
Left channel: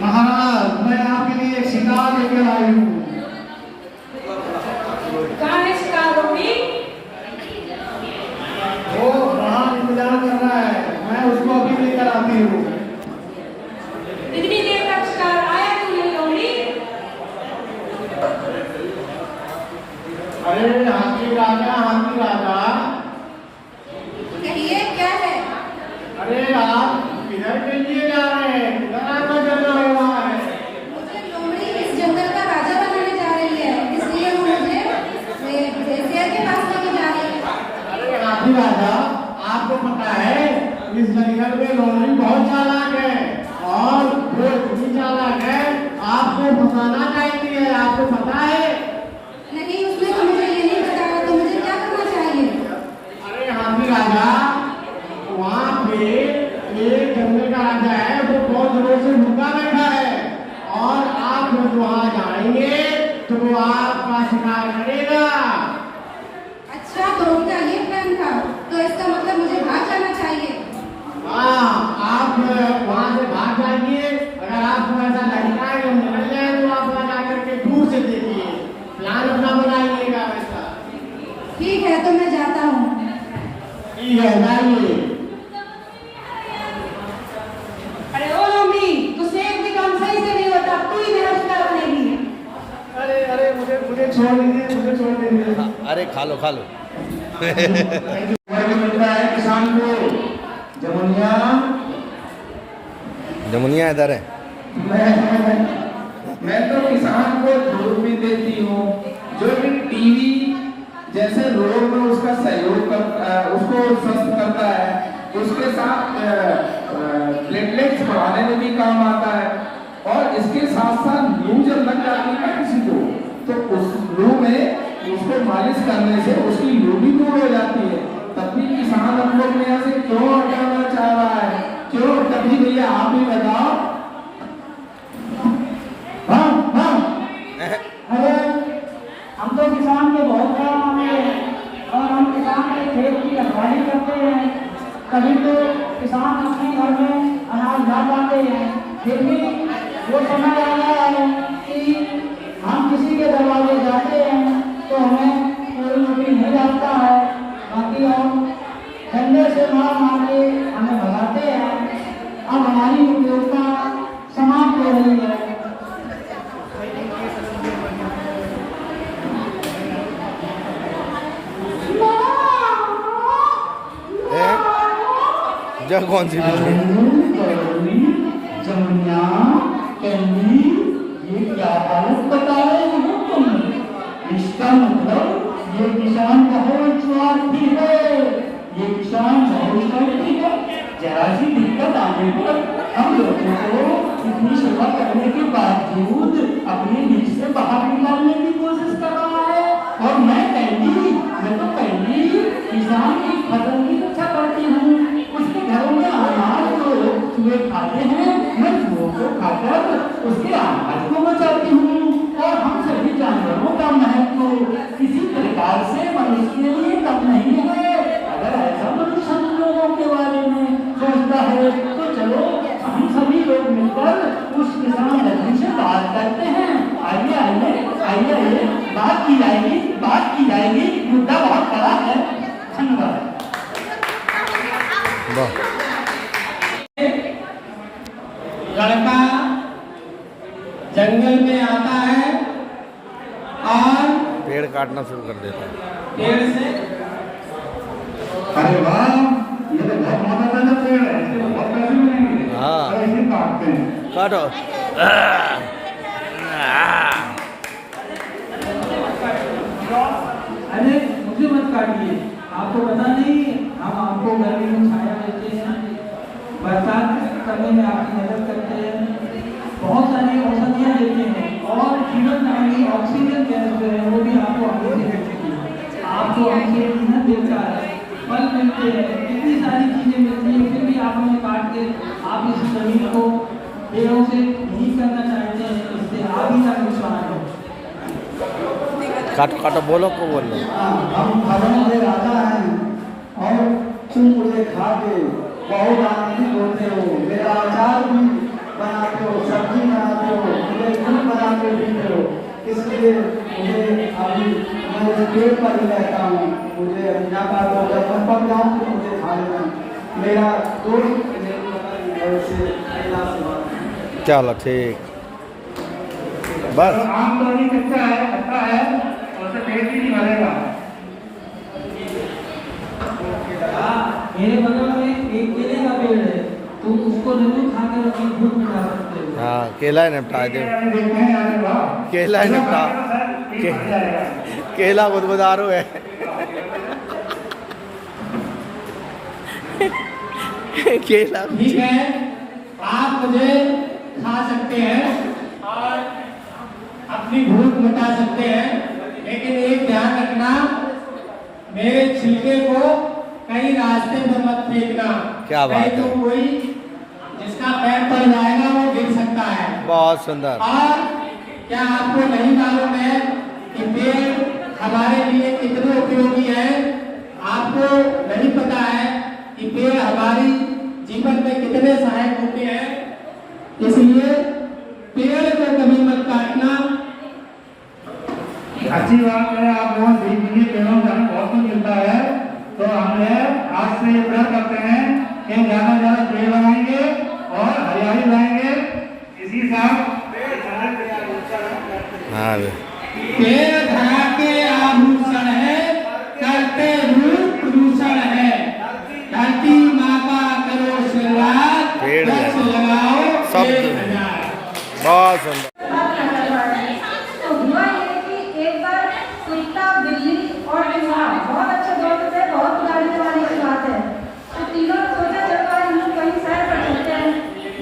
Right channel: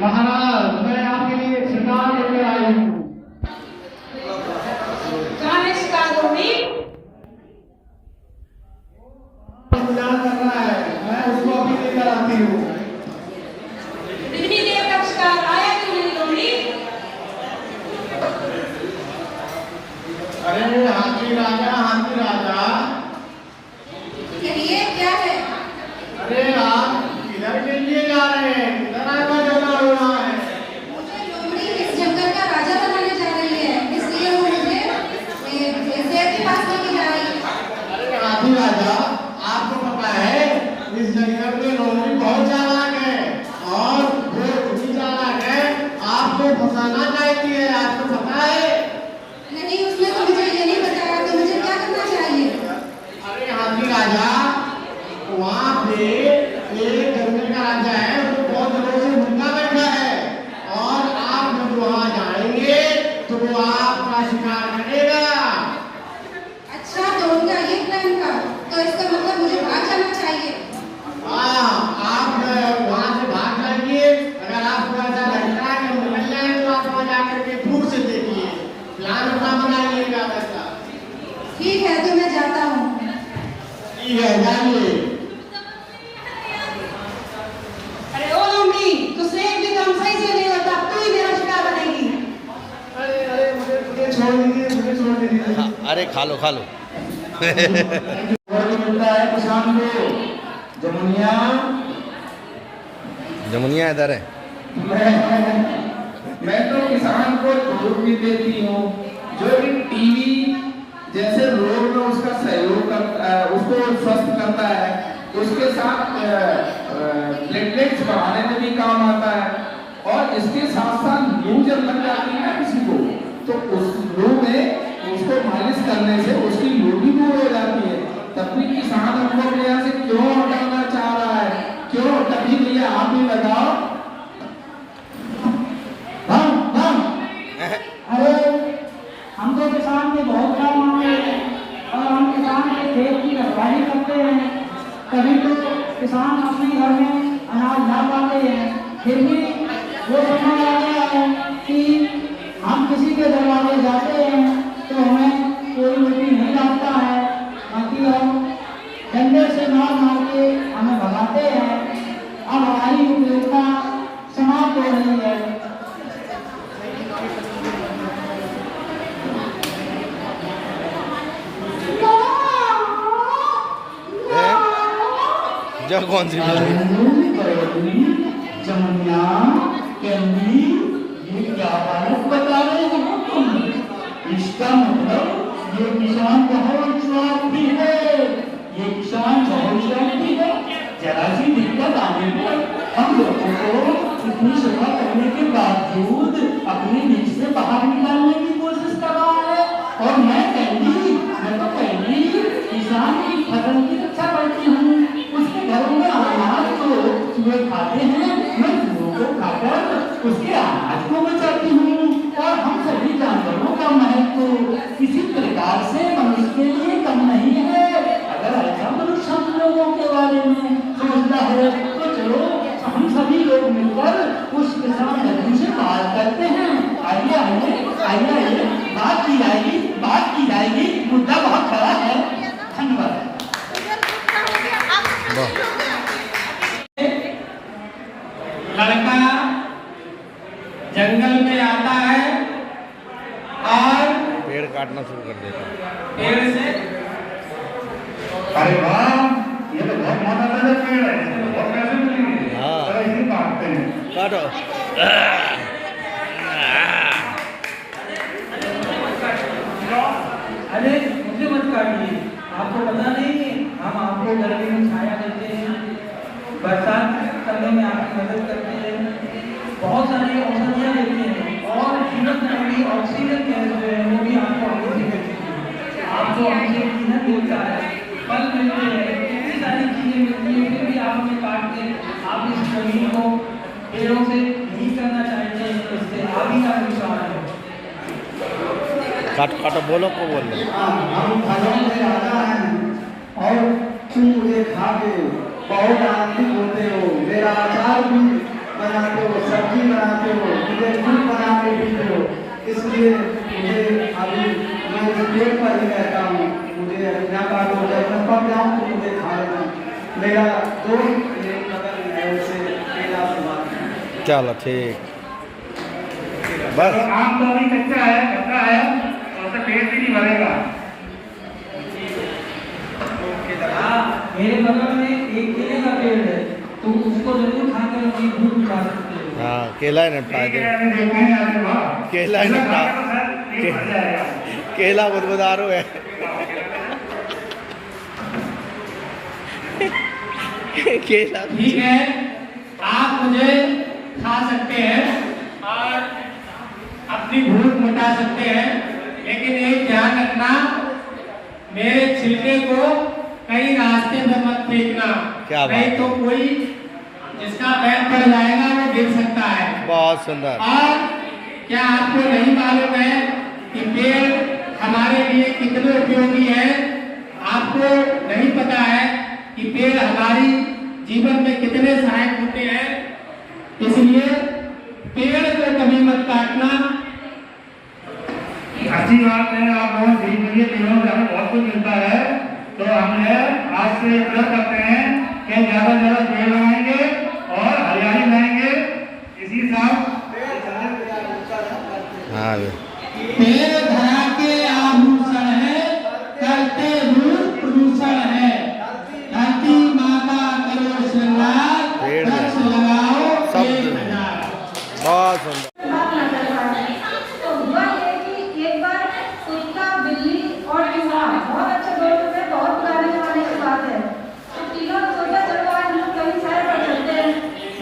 महाराज, मैं आपके लिए शिकार लेकर आई हूँ। कहाँ है शिकार लोमड़ी? वो वहाँ इंतजार कर रहा है, मैं उसको अभी लेकर आती हूँ। इतनी देर तक शिकार आया क्यों नहीं लोमड़ी? अरे हाथी राजा, कहिए क्या है? अरे आप किधर के लिए जा रहे हैं? किधर आना जंगल हो रहा है? मुझे लोमड़ी इस जंगल का राजा बनाने जा रही है, इसलिए वो मुझे शेर के पास लेके जा रही है। अरे हाथी राजा, आपको पता है इस जंगल में लोमड़ी बहुत चालाक है और वो इतनी चालाक है आपको फंसाना चाहती है, आपको पता है? नहीं, उसने तो मुझे ये नहीं बताया कि मुझे क्या करना चाहिए। अरे हाथी राजा, वहाँ पे एक जंगल का राजा है, वो बहुत दिनों से भूखा बैठा है और आप जब वहाँ जाएंगे तो वो आपका शिकार करेगा। अच्छा, तो उनका ये प्लान था, तो इसका मतलब मुझे भाग जाना चाहिए। हाँ, आप वहाँ से भाग जाएंगे। अगर आपको ऐसा लगता है कि हम निकल जाए तो आप वहाँ जाकर के दूर से देखिए, प्लान अपना बनाइएगा वैसा। ठीक है, तो मैं जाता हूँ। ठीक है, जाइए। अरे ओ लोमड़ी, तू शेर भी काम सही से नहीं होता, तू ही मेरा शिकार बनेगी। अरे मुझे छोड़ दीजिए। हाँ, अरे खा लो मिलता है किसान को जमुनिया इधर है। मैं तो किसान को दूध भी देती हूँ, जो भी टीवी जैसे रोग में उसका सहयोग करता, उसको स्वस्थ करता है, उसके साथ प्लेटलेट्स बढ़ाने में भी काम आता है। और इसके साथ साथ लू जब लग जाती है किसी को, तो उस लू में उसको मालिश करने से उसकी लू भी दूर हो जाती है। तब भी किसान हम लोग में यहाँ से क्यों हटाना चाह रहा है? क्यों? कभी नहीं, आप ही बताओ। अरे हम तो किसान के बहुत काम आते हैं और हम किसान के खेत की रखवाली करते हैं, तभी तो किसान अपने घर में अनाज ला पाते हैं। फिर भी वो समय आता है कि हम किसी के दरवाजे जाते हैं तो हमें कोई रोटी नहीं डालता है, बाकी हम डंडे से मार के हमें भगाते हैं। अब हमारी उपयोगिता समाप्त हो रही है। जब कौन सी बिल्ली? जमुनिया, कैंडी, ये क्या तारीफ बता रहे हो तुम? इसका मतलब ये किसान बहुत स्वार्थी है, ये किसान बहुत स्वार्थी है। जरा सी दिक्कत आने पर हम लोगों को इतनी सेवा करने के बावजूद अपनी नीच से बाहर निकालने की कोशिश कर रहा है। और मैं तो कैंडी किसान की फसल की रक्षा करती हूँ, उसके घरों में अनाज जो वे खाते हैं, मैं वो खाकर उसके अनाज को बचाती हूँ। और हम सभी जानवरों का महत्व किसी प्रकार से मनुष्य के लिए कम नहीं है। अगर ऐसा मनुष्य हम लोगों के बारे में सोचता है तो चलो हम सभी लोग मिलकर उस किसान धरती से बात करते हैं। आइए, बात की जाएगी। मुद्दा बहुत बड़ा है। धन्यवाद। लड़का जंगल में आता है और पेड़ काटना शुरू कर देता है। पेड़ से, अरे वाह, ये तो बहुत मोटा पेड़ है, बहुत पैसे मिलेंगे। हाँ, इसे काटते हैं। काटो। अरे मुझे मत काटिए, आपको पता नहीं हम आपको गर्मी में छाया देते हैं, बरसात करने में आपकी मदद करते हैं, बहुत सारी औषधियाँ देते हैं और जीवन दायिनी ऑक्सीजन गैस जो है वो भी आपको आगे से देती है। आपको हमसे मेहनत देता है, फल जमीन को पेड़ों से नहीं करना चाहते हैं, इससे आदि का नुकसान है। काटो काटो, बोलो को बोलो। हम फलों से राजा हैं और तुम मुझे खा के बहुत आनंदित होते हो। मेरा अचार भी बनाते हो, सब्जी बनाते हो, मुझे दूध बना के पीते हो। इसलिए मुझे अभी मैं उस पेड़ पर ही रहता हूँ। मुझे यहाँ का जो है मैं पक जाऊँ तो मुझे खा लेना। मेरा दोस्त मेरे बगल में है, उसे मेरा से बात। चलो ठीक, बस। आम तो अभी कच्चा है, खट्टा है, और उससे पेट भी नहीं भरेगा। मेरे बगल में एक केले का पेड़ है, तो उसको जरूर खा के अपनी भूख मिटा सकते हो। हाँ, केला ही निपटा दे, केला ही निपटा, केला बुदबुदारू है। केला ठीक है, आप मुझे खा सकते हैं और अपनी भूख मिटा सकते हैं, लेकिन एक ध्यान रखना, मेरे छिलके को कहीं रास्ते में मत फेंकना। क्या बात नहीं तो कोई जिसका पैर पड़ जाएगा वो गिर सकता है। बहुत सुंदर। और क्या आपको नहीं मालूम है कि पेड़ हमारे लिए कितने उपयोगी है? आपको नहीं पता है कि पेड़ हमारी जीवन में कितने सहायक होते हैं। इसलिए पेड़ को कभी मत काटना। अच्छी बात है, आप लोग सीख लीजिए, पेड़ों से हमें बहुत कुछ मिलता है। तो हमने आज से प्रयास करते हैं कि ज्यादा से ज्यादा पेड़ लगाएंगे और हरियाली लाएंगे। इसी साथ हाँ, पेड़ धरा के आभूषण है, करते रूप प्रदूषण है। धरती माता करो श्रृंगार, पेड़ वृक्ष लगाओ, शब्द पेड़ लगाओ। बहुत सुंदर। तो हुआ ये कि एक बार कुत्ता, बिल्ली और इंसान बहुत अच्छे दोस्त थे, बहुत पुराने जमाने की बात है। तो तीनों सोचा चल रहा है हम कहीं सैर कर सकते हैं।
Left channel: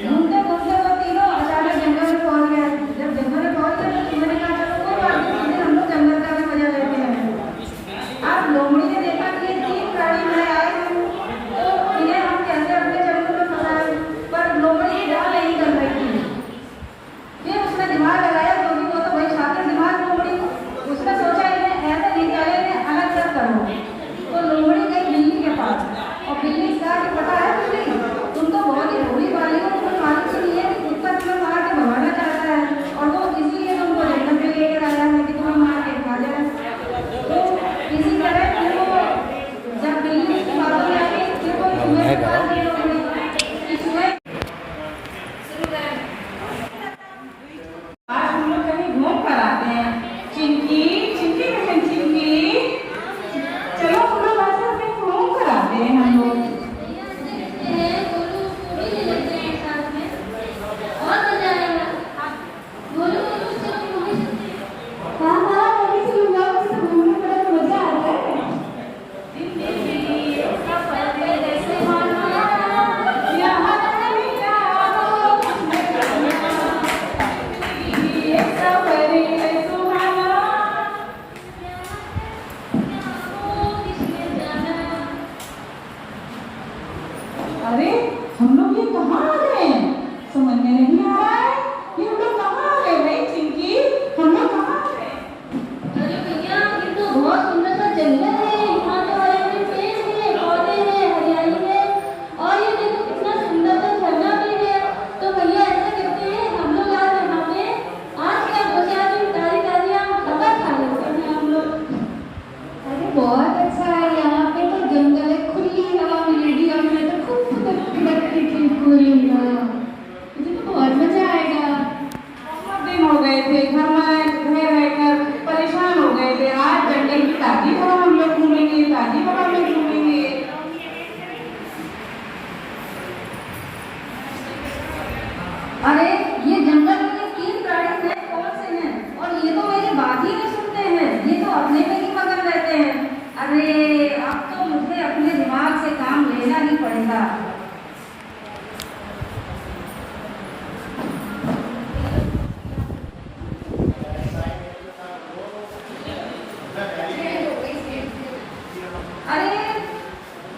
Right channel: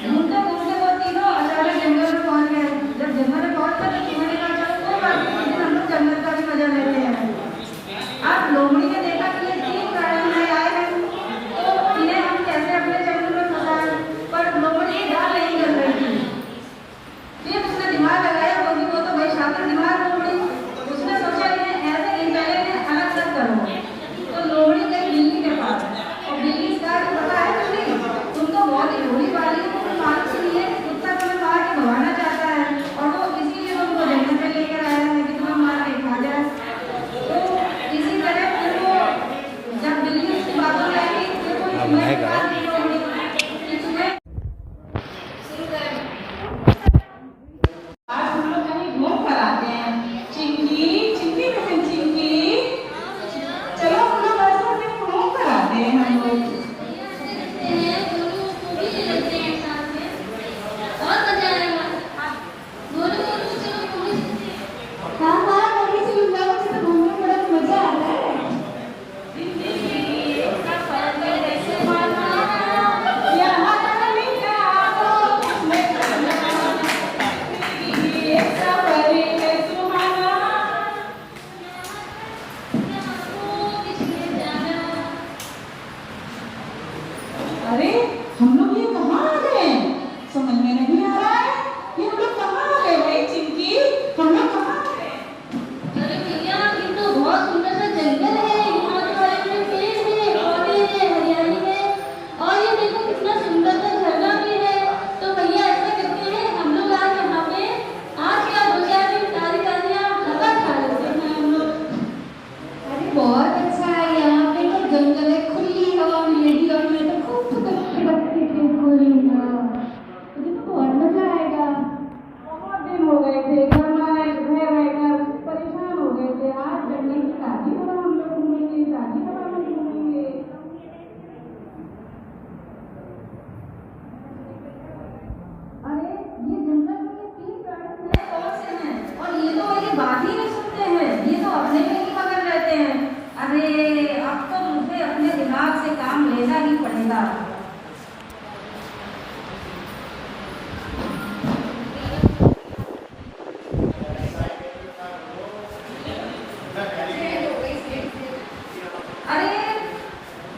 घूमते घूमते वो तीनों अचानक जंगल में पहुंच गए। जब जंगल में पहुंच गए तो तीनों ने कहा चलो कोई बात नहीं, हम लोग जंगल का भी मजा लेते हैं। अब लोमड़ी ने देखा कि ये तीन प्राणी नए आए हैं, तो इन्हें हम कैसे अपने जंगल में फंसाएं, पर लोमड़ी जा नहीं कर रही थी। फिर उसने दिमाग लगाया, वो तो भाई शातिर दिमाग लोमड़ी, उसने सोचा इन्हें ऐसे नहीं चले, इन्हें अलग अलग करो। तो लोमड़ी गई बिल्ली के पास और बिल्ली से कहा कि पता है बिल्ली, तुम तो बहुत ही भोली वाली हो, तुम्हें मालूम ही नहीं है कि कुत्ता तुम्हें मार के भगाना चाहता है और वो इसीलिए तुमको जंगल में लेकर आया है कि तुम्हें मार के खा जाए। तो इसी तरह तुमको जब बिल्ली उसकी बातों में आई कि कोई तुम्हें आज हम लोग कहीं घूम कर आते हैं। चिंकी, चिंकी बहन, चिंकी, चलो हम लोग आज कहीं घूम कर आते हैं हम लोग। हाँ हाँ, मूवी से लोग जाओ, मुझे तो घूमने में बड़ा मजा आ रहा है। यहाँ नहीं आओ, अरे हम लोग ये कहाँ आ गए? समझ में नहीं आ रहा है, ये हम लोग कहाँ आ गए भाई? चिंकी, हम लोग कहाँ आ गए? अरे भैया, ये तो बहुत सुंदर सा जंगल है, यहाँ तो बड़े-बड़े पेड़ हैं, पौधे हैं, हरियाली है, और ये देखो कितना सुंदर सा झरना भी है। तो भैया ऐसा करते हैं, हम लोग आज यहाँ पे आज क्या दो चार दिन ताज़ी-ताज़ी हवा खा लेते हैं हम लोग। अरे बहुत अच्छा है, यहाँ पे तो जंगल है, खुली हवा मिलेगी और मैं तो खूब फुदकती खुलेगा, मुझे तो बहुत मजा आएगा। बहुत दिन हो गए थे घर रहकर परेशान हो गए थे। आज जंगल की ताजी हवा हम लोग घूमेंगे, ताजी हवा में घूमेंगे। अरे ये जंगल में तीन प्राणी हैं, कौन से हैं? और ये तो मेरी बात ही नहीं सुनते हैं, ये तो अपने पे ही पकड़ रहते हैं। अरे अब तो मुझे अपने दिमाग से काम लेना ही पड़ेगा। अरे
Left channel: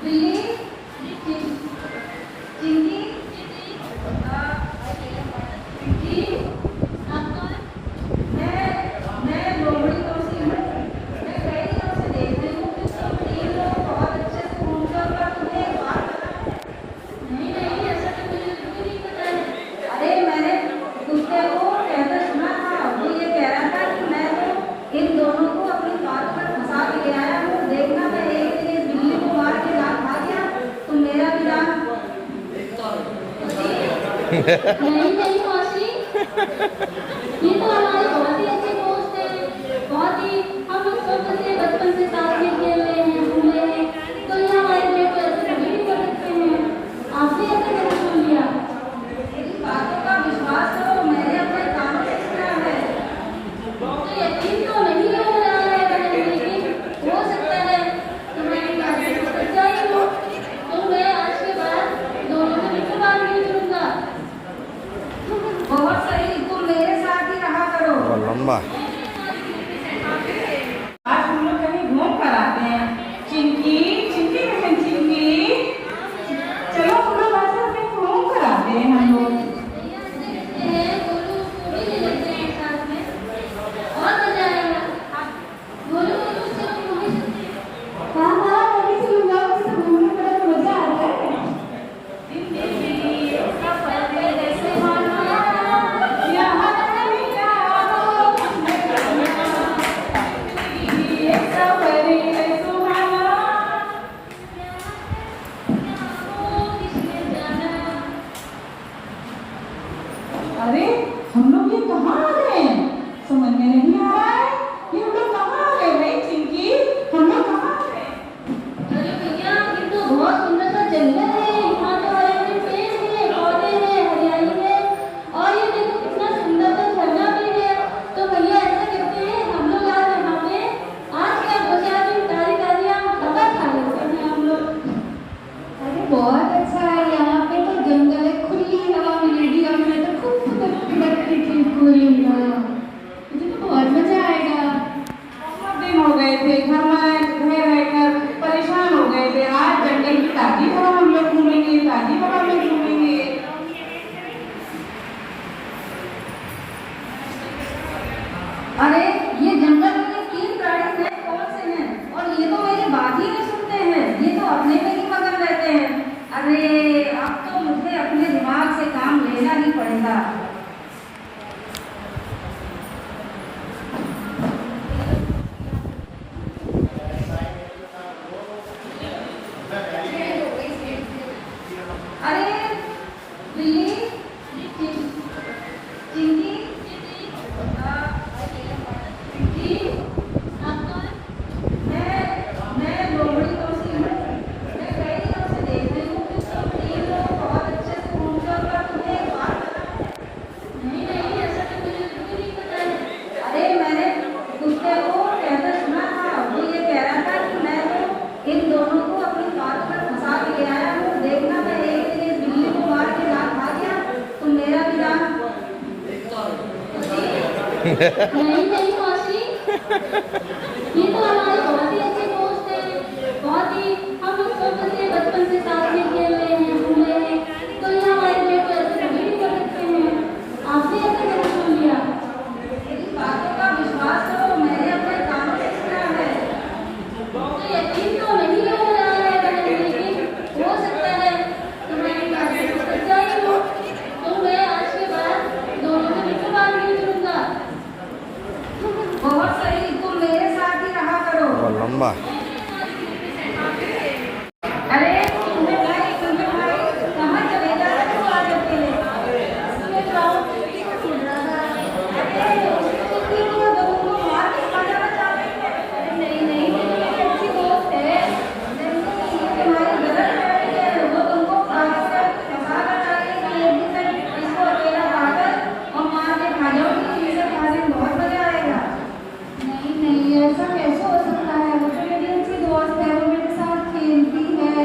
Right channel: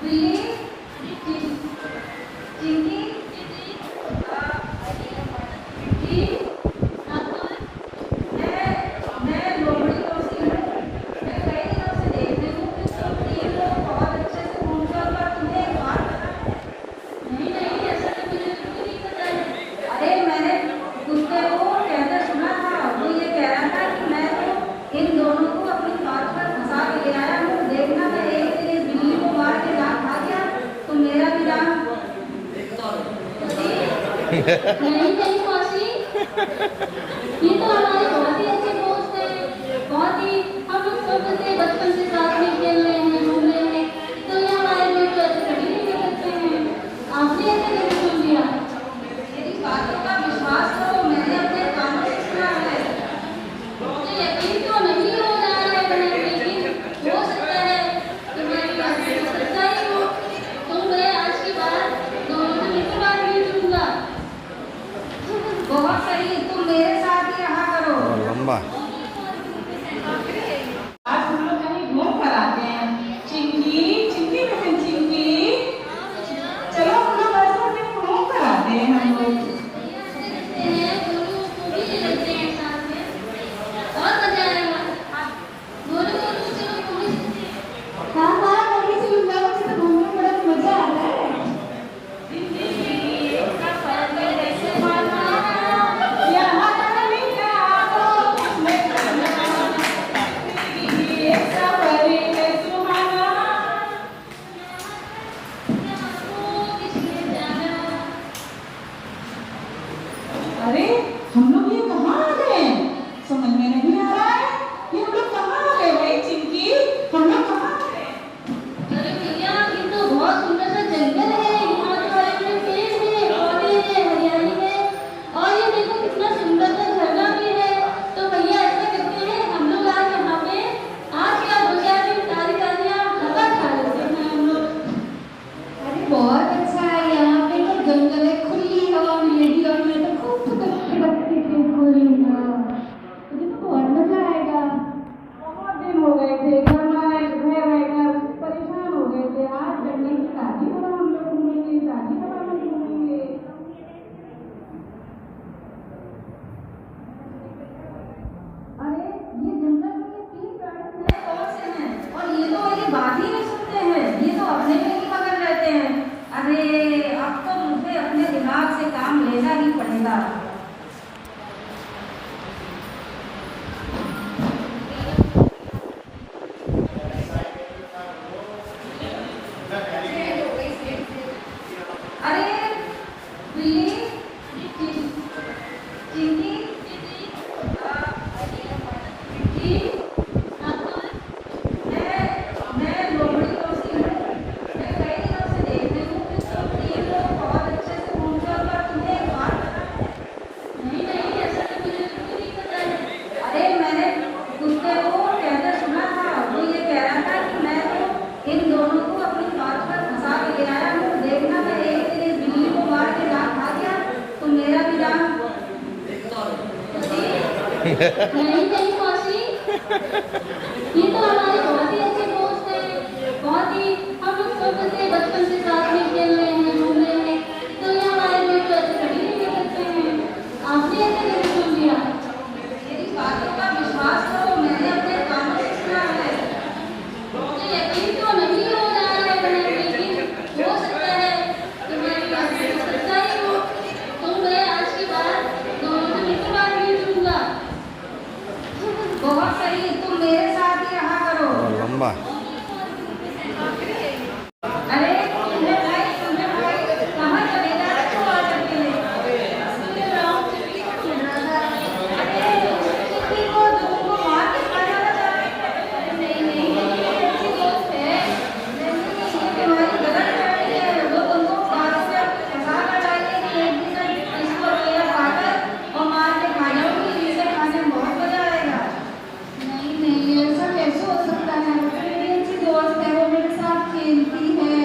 बिल्ली, चिंटी, नहीं नहीं मौसी, ये तो हमारी बहुत ही अच्छी दोस्त है, बहुत ही हम लोग सब से बचपन से साथ में खेल रहे हैं, घूम रहे हैं, तो ये हमारे लिए तो कभी नहीं कर सकते हैं। आपने ऐसे कैसे सुन लिया? मेरी बातों का विश्वास करो, मैंने अपने कानों से सुना है। तो यकीन तो नहीं हो रहा है बहन, लेकिन हो सकता है तुम्हारी बात सच्चाई हो, तो मैं आज के बाद दोनों से मिलकर बात नहीं करूंगा। बहुत सही, तुम मेरे साथ ही रहा करो। बहुत लंबा। आज हम लोग कहीं घूम कर आते हैं। चिंकी, चिंकी बहन चिंकी, चलो हम लोग आज कहीं घूम कर आते हैं हम लोग। अरे हम लोग ये कहाँ आ गए? समझ में नहीं आ रहा है, ये हम लोग कहाँ आ गए भाई चिंकी? हम लोग कहाँ आ गए? अरे भैया, ये तो बहुत सुंदर सा जंगल है, यहाँ तो बड़े-बड़े पेड़ हैं, पौधे हैं, हरियाली है, और ये देखो कितना सुंदर सा झरना भी है। तो भैया ऐसा करते हैं, हम लोग आज यहाँ पे आज क्या बजा की तारी हवा खा लेते हैं हम लोग। अरे बहुत अच्छा है, यहाँ पे तो जंगल है, खुली हवा मिलेगी, और मैं तो खूब फुदकती थी पूरी हवा। मुझे तो बहुत मजा आएगा। बहुत दिन हो गए थे घर में रहकर परेशान हो गए थे। आज जंगल की ताजी हवा हम लोग घूमेंगे, ताजी हवा में घूमेंगे। अरे ये जंगल में ये 3 प्राणी थे, कौन से हैं? और ये तो मेरी बात ही नहीं सुनते हैं, ये तो अपने पे ही पकड़ लेते हैं। अरे अब तो मुझे अपने दिमाग से काम लेना ही पड़ेगा। अरे बिल्ली, चिंटी, मैं लोमड़ी दोस्ती हूँ। मैं कई दिनों से देख रही हूँ कि तुम 3 लोग बहुत अच्छे से घूमते हो, पर तुम्हें एक बात पता है? नहीं नहीं, ऐसा तो मुझे बिल्कुल नहीं पता है। अरे मैंने कुत्ते को कहकर सुना था, वो ये कह रहा था कि मैं तो इन दोनों को अपनी बात पर फंसा के ले आया हूँ। देखना, मैं एक दिन ये बिल्ली को मार के जान खा दिया तो मेरा भी जान। नहीं नहीं मौसी, ये तो हमारी बहुत ही अच्छी दोस्त है, बहुत ही हम लोग सब से बचपन से साथ में खेल रहे हैं, घूम रहे हैं, तो ये हमारे लिए तो कभी नहीं कर सकते हैं। आपने ऐसे कैसे सुन लिया? मेरी बातों का विश्वास करो, मैंने अपने कानों से सुना है। तो यकीन तो नहीं हो रहा है बहन, लेकिन हो सकता है तुम्हारी बात सच्चाई हो, तो मैं आज के बाद दोनों से मिलकर बात नहीं करूंगा। बहुत सही, तुम मेरे साथ ही रहा करो। बहुत लंबा। अरे तुमने भाई कहाँ चले जा रहे हो आज अकेले? मैं राउंड ट्रिप को खेल रहा था। अरे चिट्ठी को तुमको मार के खा जाना चाहते हैं? नहीं नहीं, मेरी अच्छी दोस्त है। नहीं, ये तुम्हारी गलत फहमी है। वो तुमको बातों में फंसा कर डालेगी कि एक दिन इसको अकेला पाकर और मार के खा जाओगी, जिसे खाने में बहुत मजा आएगा। नहीं नहीं, ऐसा कैसे हो सकता है? वो तो मेरी अच्छी दोस्त है, वो मेरे साथ खेलती है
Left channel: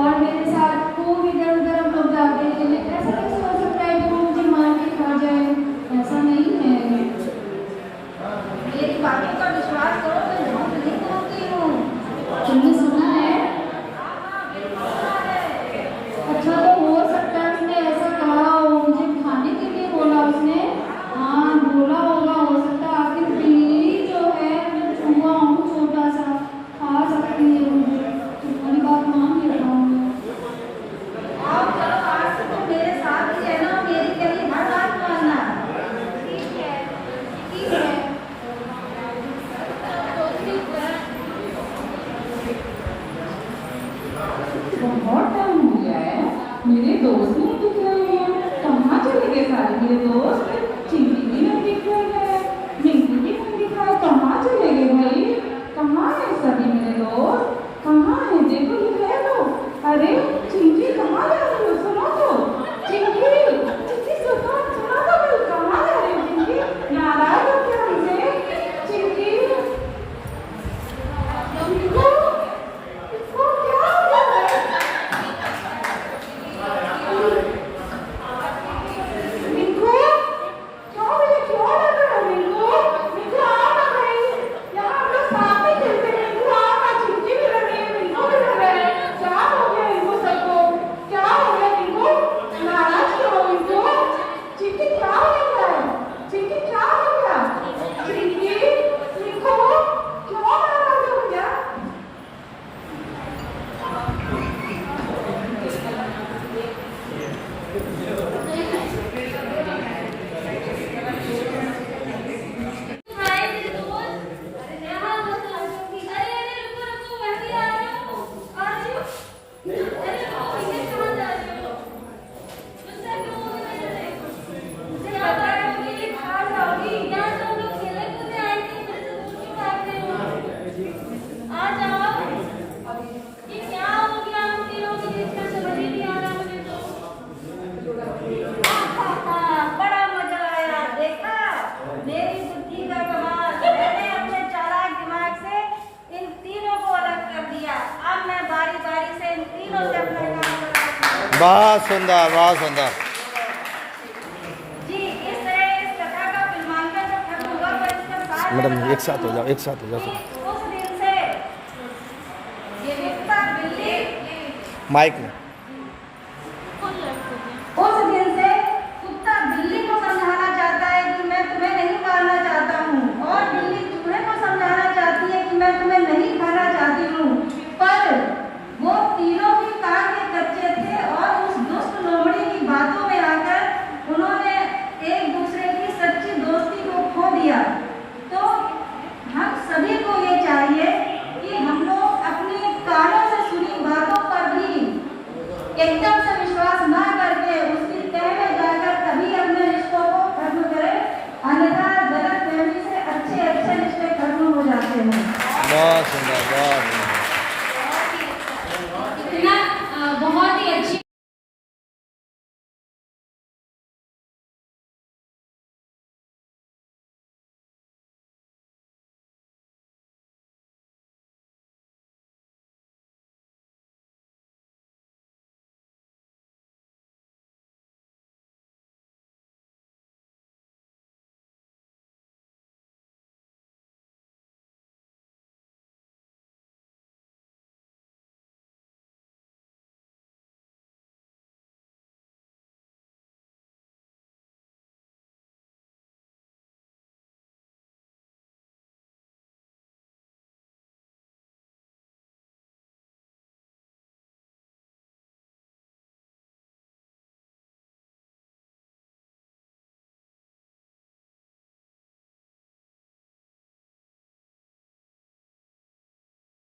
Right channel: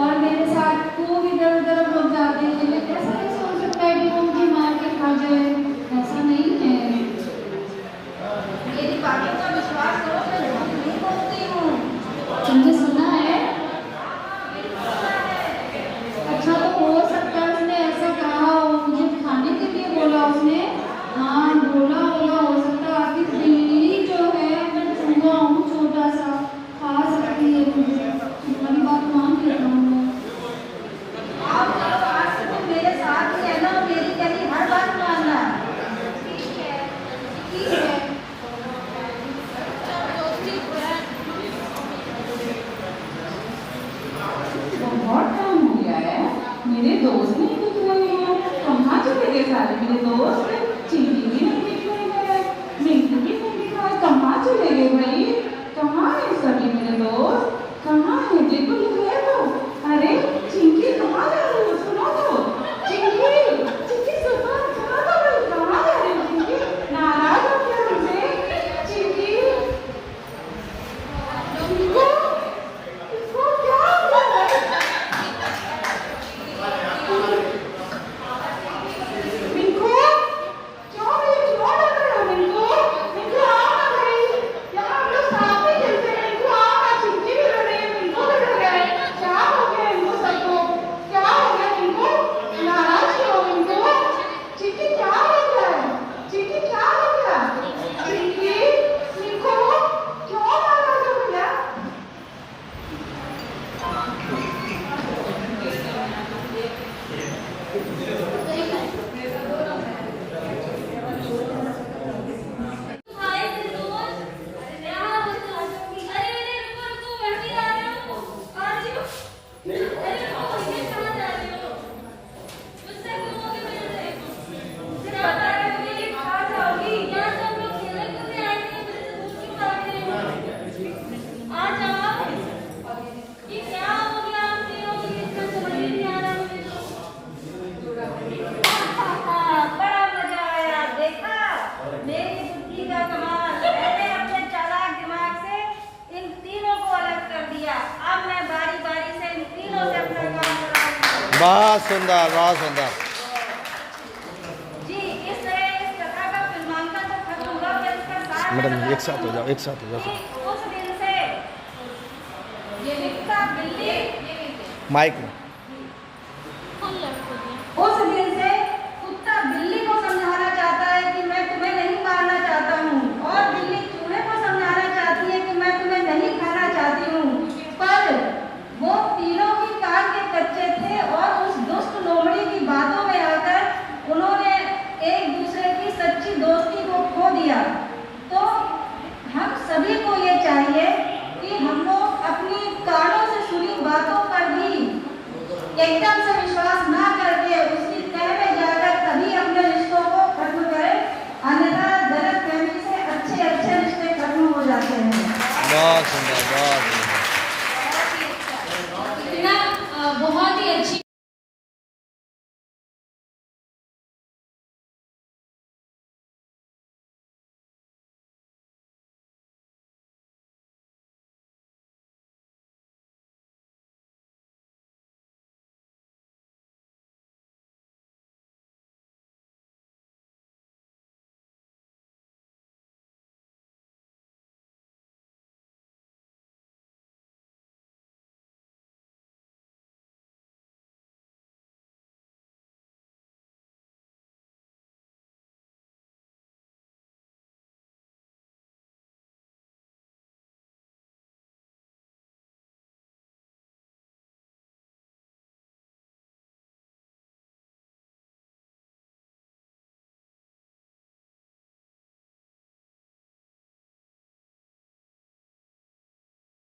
और मेरे साथ खूब इधर उधर हम लोग जाते हैं। ऐसा कैसे हो सकता है कि वो मुझे मार के खा जाए? ऐसा नहीं है। मेरी बातों का विश्वास करो, मैं बहुत नहीं बोलती हूँ। तुमने सुना है? अच्छा, तो हो सकता है उसने ऐसा कहा हो, मुझे खाने के लिए बोला उसने। हाँ, बोला होगा, हो सकता है। आखिर बिल्ली जो है, मैं छुआ हूँ, छोटा सा, खा सकती है मुझे। तुम्हारी बात मान लेता हूँ मैं। आप चलो, आज से तुम मेरे साथ ही रहना और मेरी कहीं हर बात मानना। ठीक है, ठीक है। सभी मेरे दोस्त, कहाँ है? देखो ये है वो। अरे चिंकी कहाँ जा रही हो? सुनो तो चिंकी, चिंकी सुनो सुनो तो भाई, कहाँ जा रही हो चिंकी? नाराज हो क्या हमसे? चिंकी, चिंकी, इसको क्या हुआ है? मिंकू, क्यों भाई क्यों लग रहे हो मिंकू? मिंकू आओ ना भाई, यहाँ हम लोग साथ ही खेलते हैं। मिंकू आओ ना, चिंकी भी लग रही है, मिंकू भी लग रहा है। क्या हो गया इनको सबको? क्या हो गया मिंकू? नाराज क्यों हो मिंकू? चिंकी क्या हो गया है? चिंकी क्या हो गया? चिंकी, मिंकू क्यों नाराज हो गया? हाय मेरे दोस्त, यहाँ हो तुम? अरे रुको रुको, मैं भी आ रही हूँ। आ रही हूँ? अरे रुको, ये कहाँ जा रही हो? गुस्सा क्यों हो गया मेरे से? क्या बात है, ये कहाँ जाओगी? यहाँ तो हम लोग खेलने कूदने आए थे, मेरे से दूर क्यों भाग रहे हो? आ जाओ। ये क्या हो गया हम तीनों को? इतना समझ ही नहीं आ रहा मुझे तो। बड़ा मजा आया, देखा मेरी बुद्धि का कमाल। मैंने अपने चालाक दिमाग से इन तीनों को अलग कर दिया। अब मैं बारी बारी से इन तीनों से अपना काम कराऊंगी। बहुत सुंदर, बहुत सुंदर। जी, इस तरह इस कथा का फिल्मांकन तो खत्म हुआ, पर इसका सार मैडम एक साथ हो जाओ, एक साथ हो जाओ। उस दिन से ये दिखता बिल्ली, माइक में उस दिन से कुत्ता बिल्ली को समझाना चाहता है कि मैं तुम्हें नहीं मारना चाहता हूँ, और बिल्ली चूहे को समझाना चाहती है कि मैं तुम्हें नहीं खाना चाहती हूँ। पर वो तीनों ही कान के कच्चे थे, और उस दुष्ट लोमड़ी की बातों में आकर उन्होंने एक दूसरे की सच्ची दोस्ती को खो दिया। तो हम सभी को ये चाहिए कि हम लोग अपनी कानों से सुनी बातों पर भी एकदम से विश्वास ना करके उसकी तह में जाकर तभी अपने रिश्तों को खत्म करें, अन्यथा गलत फहमी से अच्छे अच्छे रिश्ते खत्म हो जाते हैं। बहुत सुंदर, बहुत सुंदर।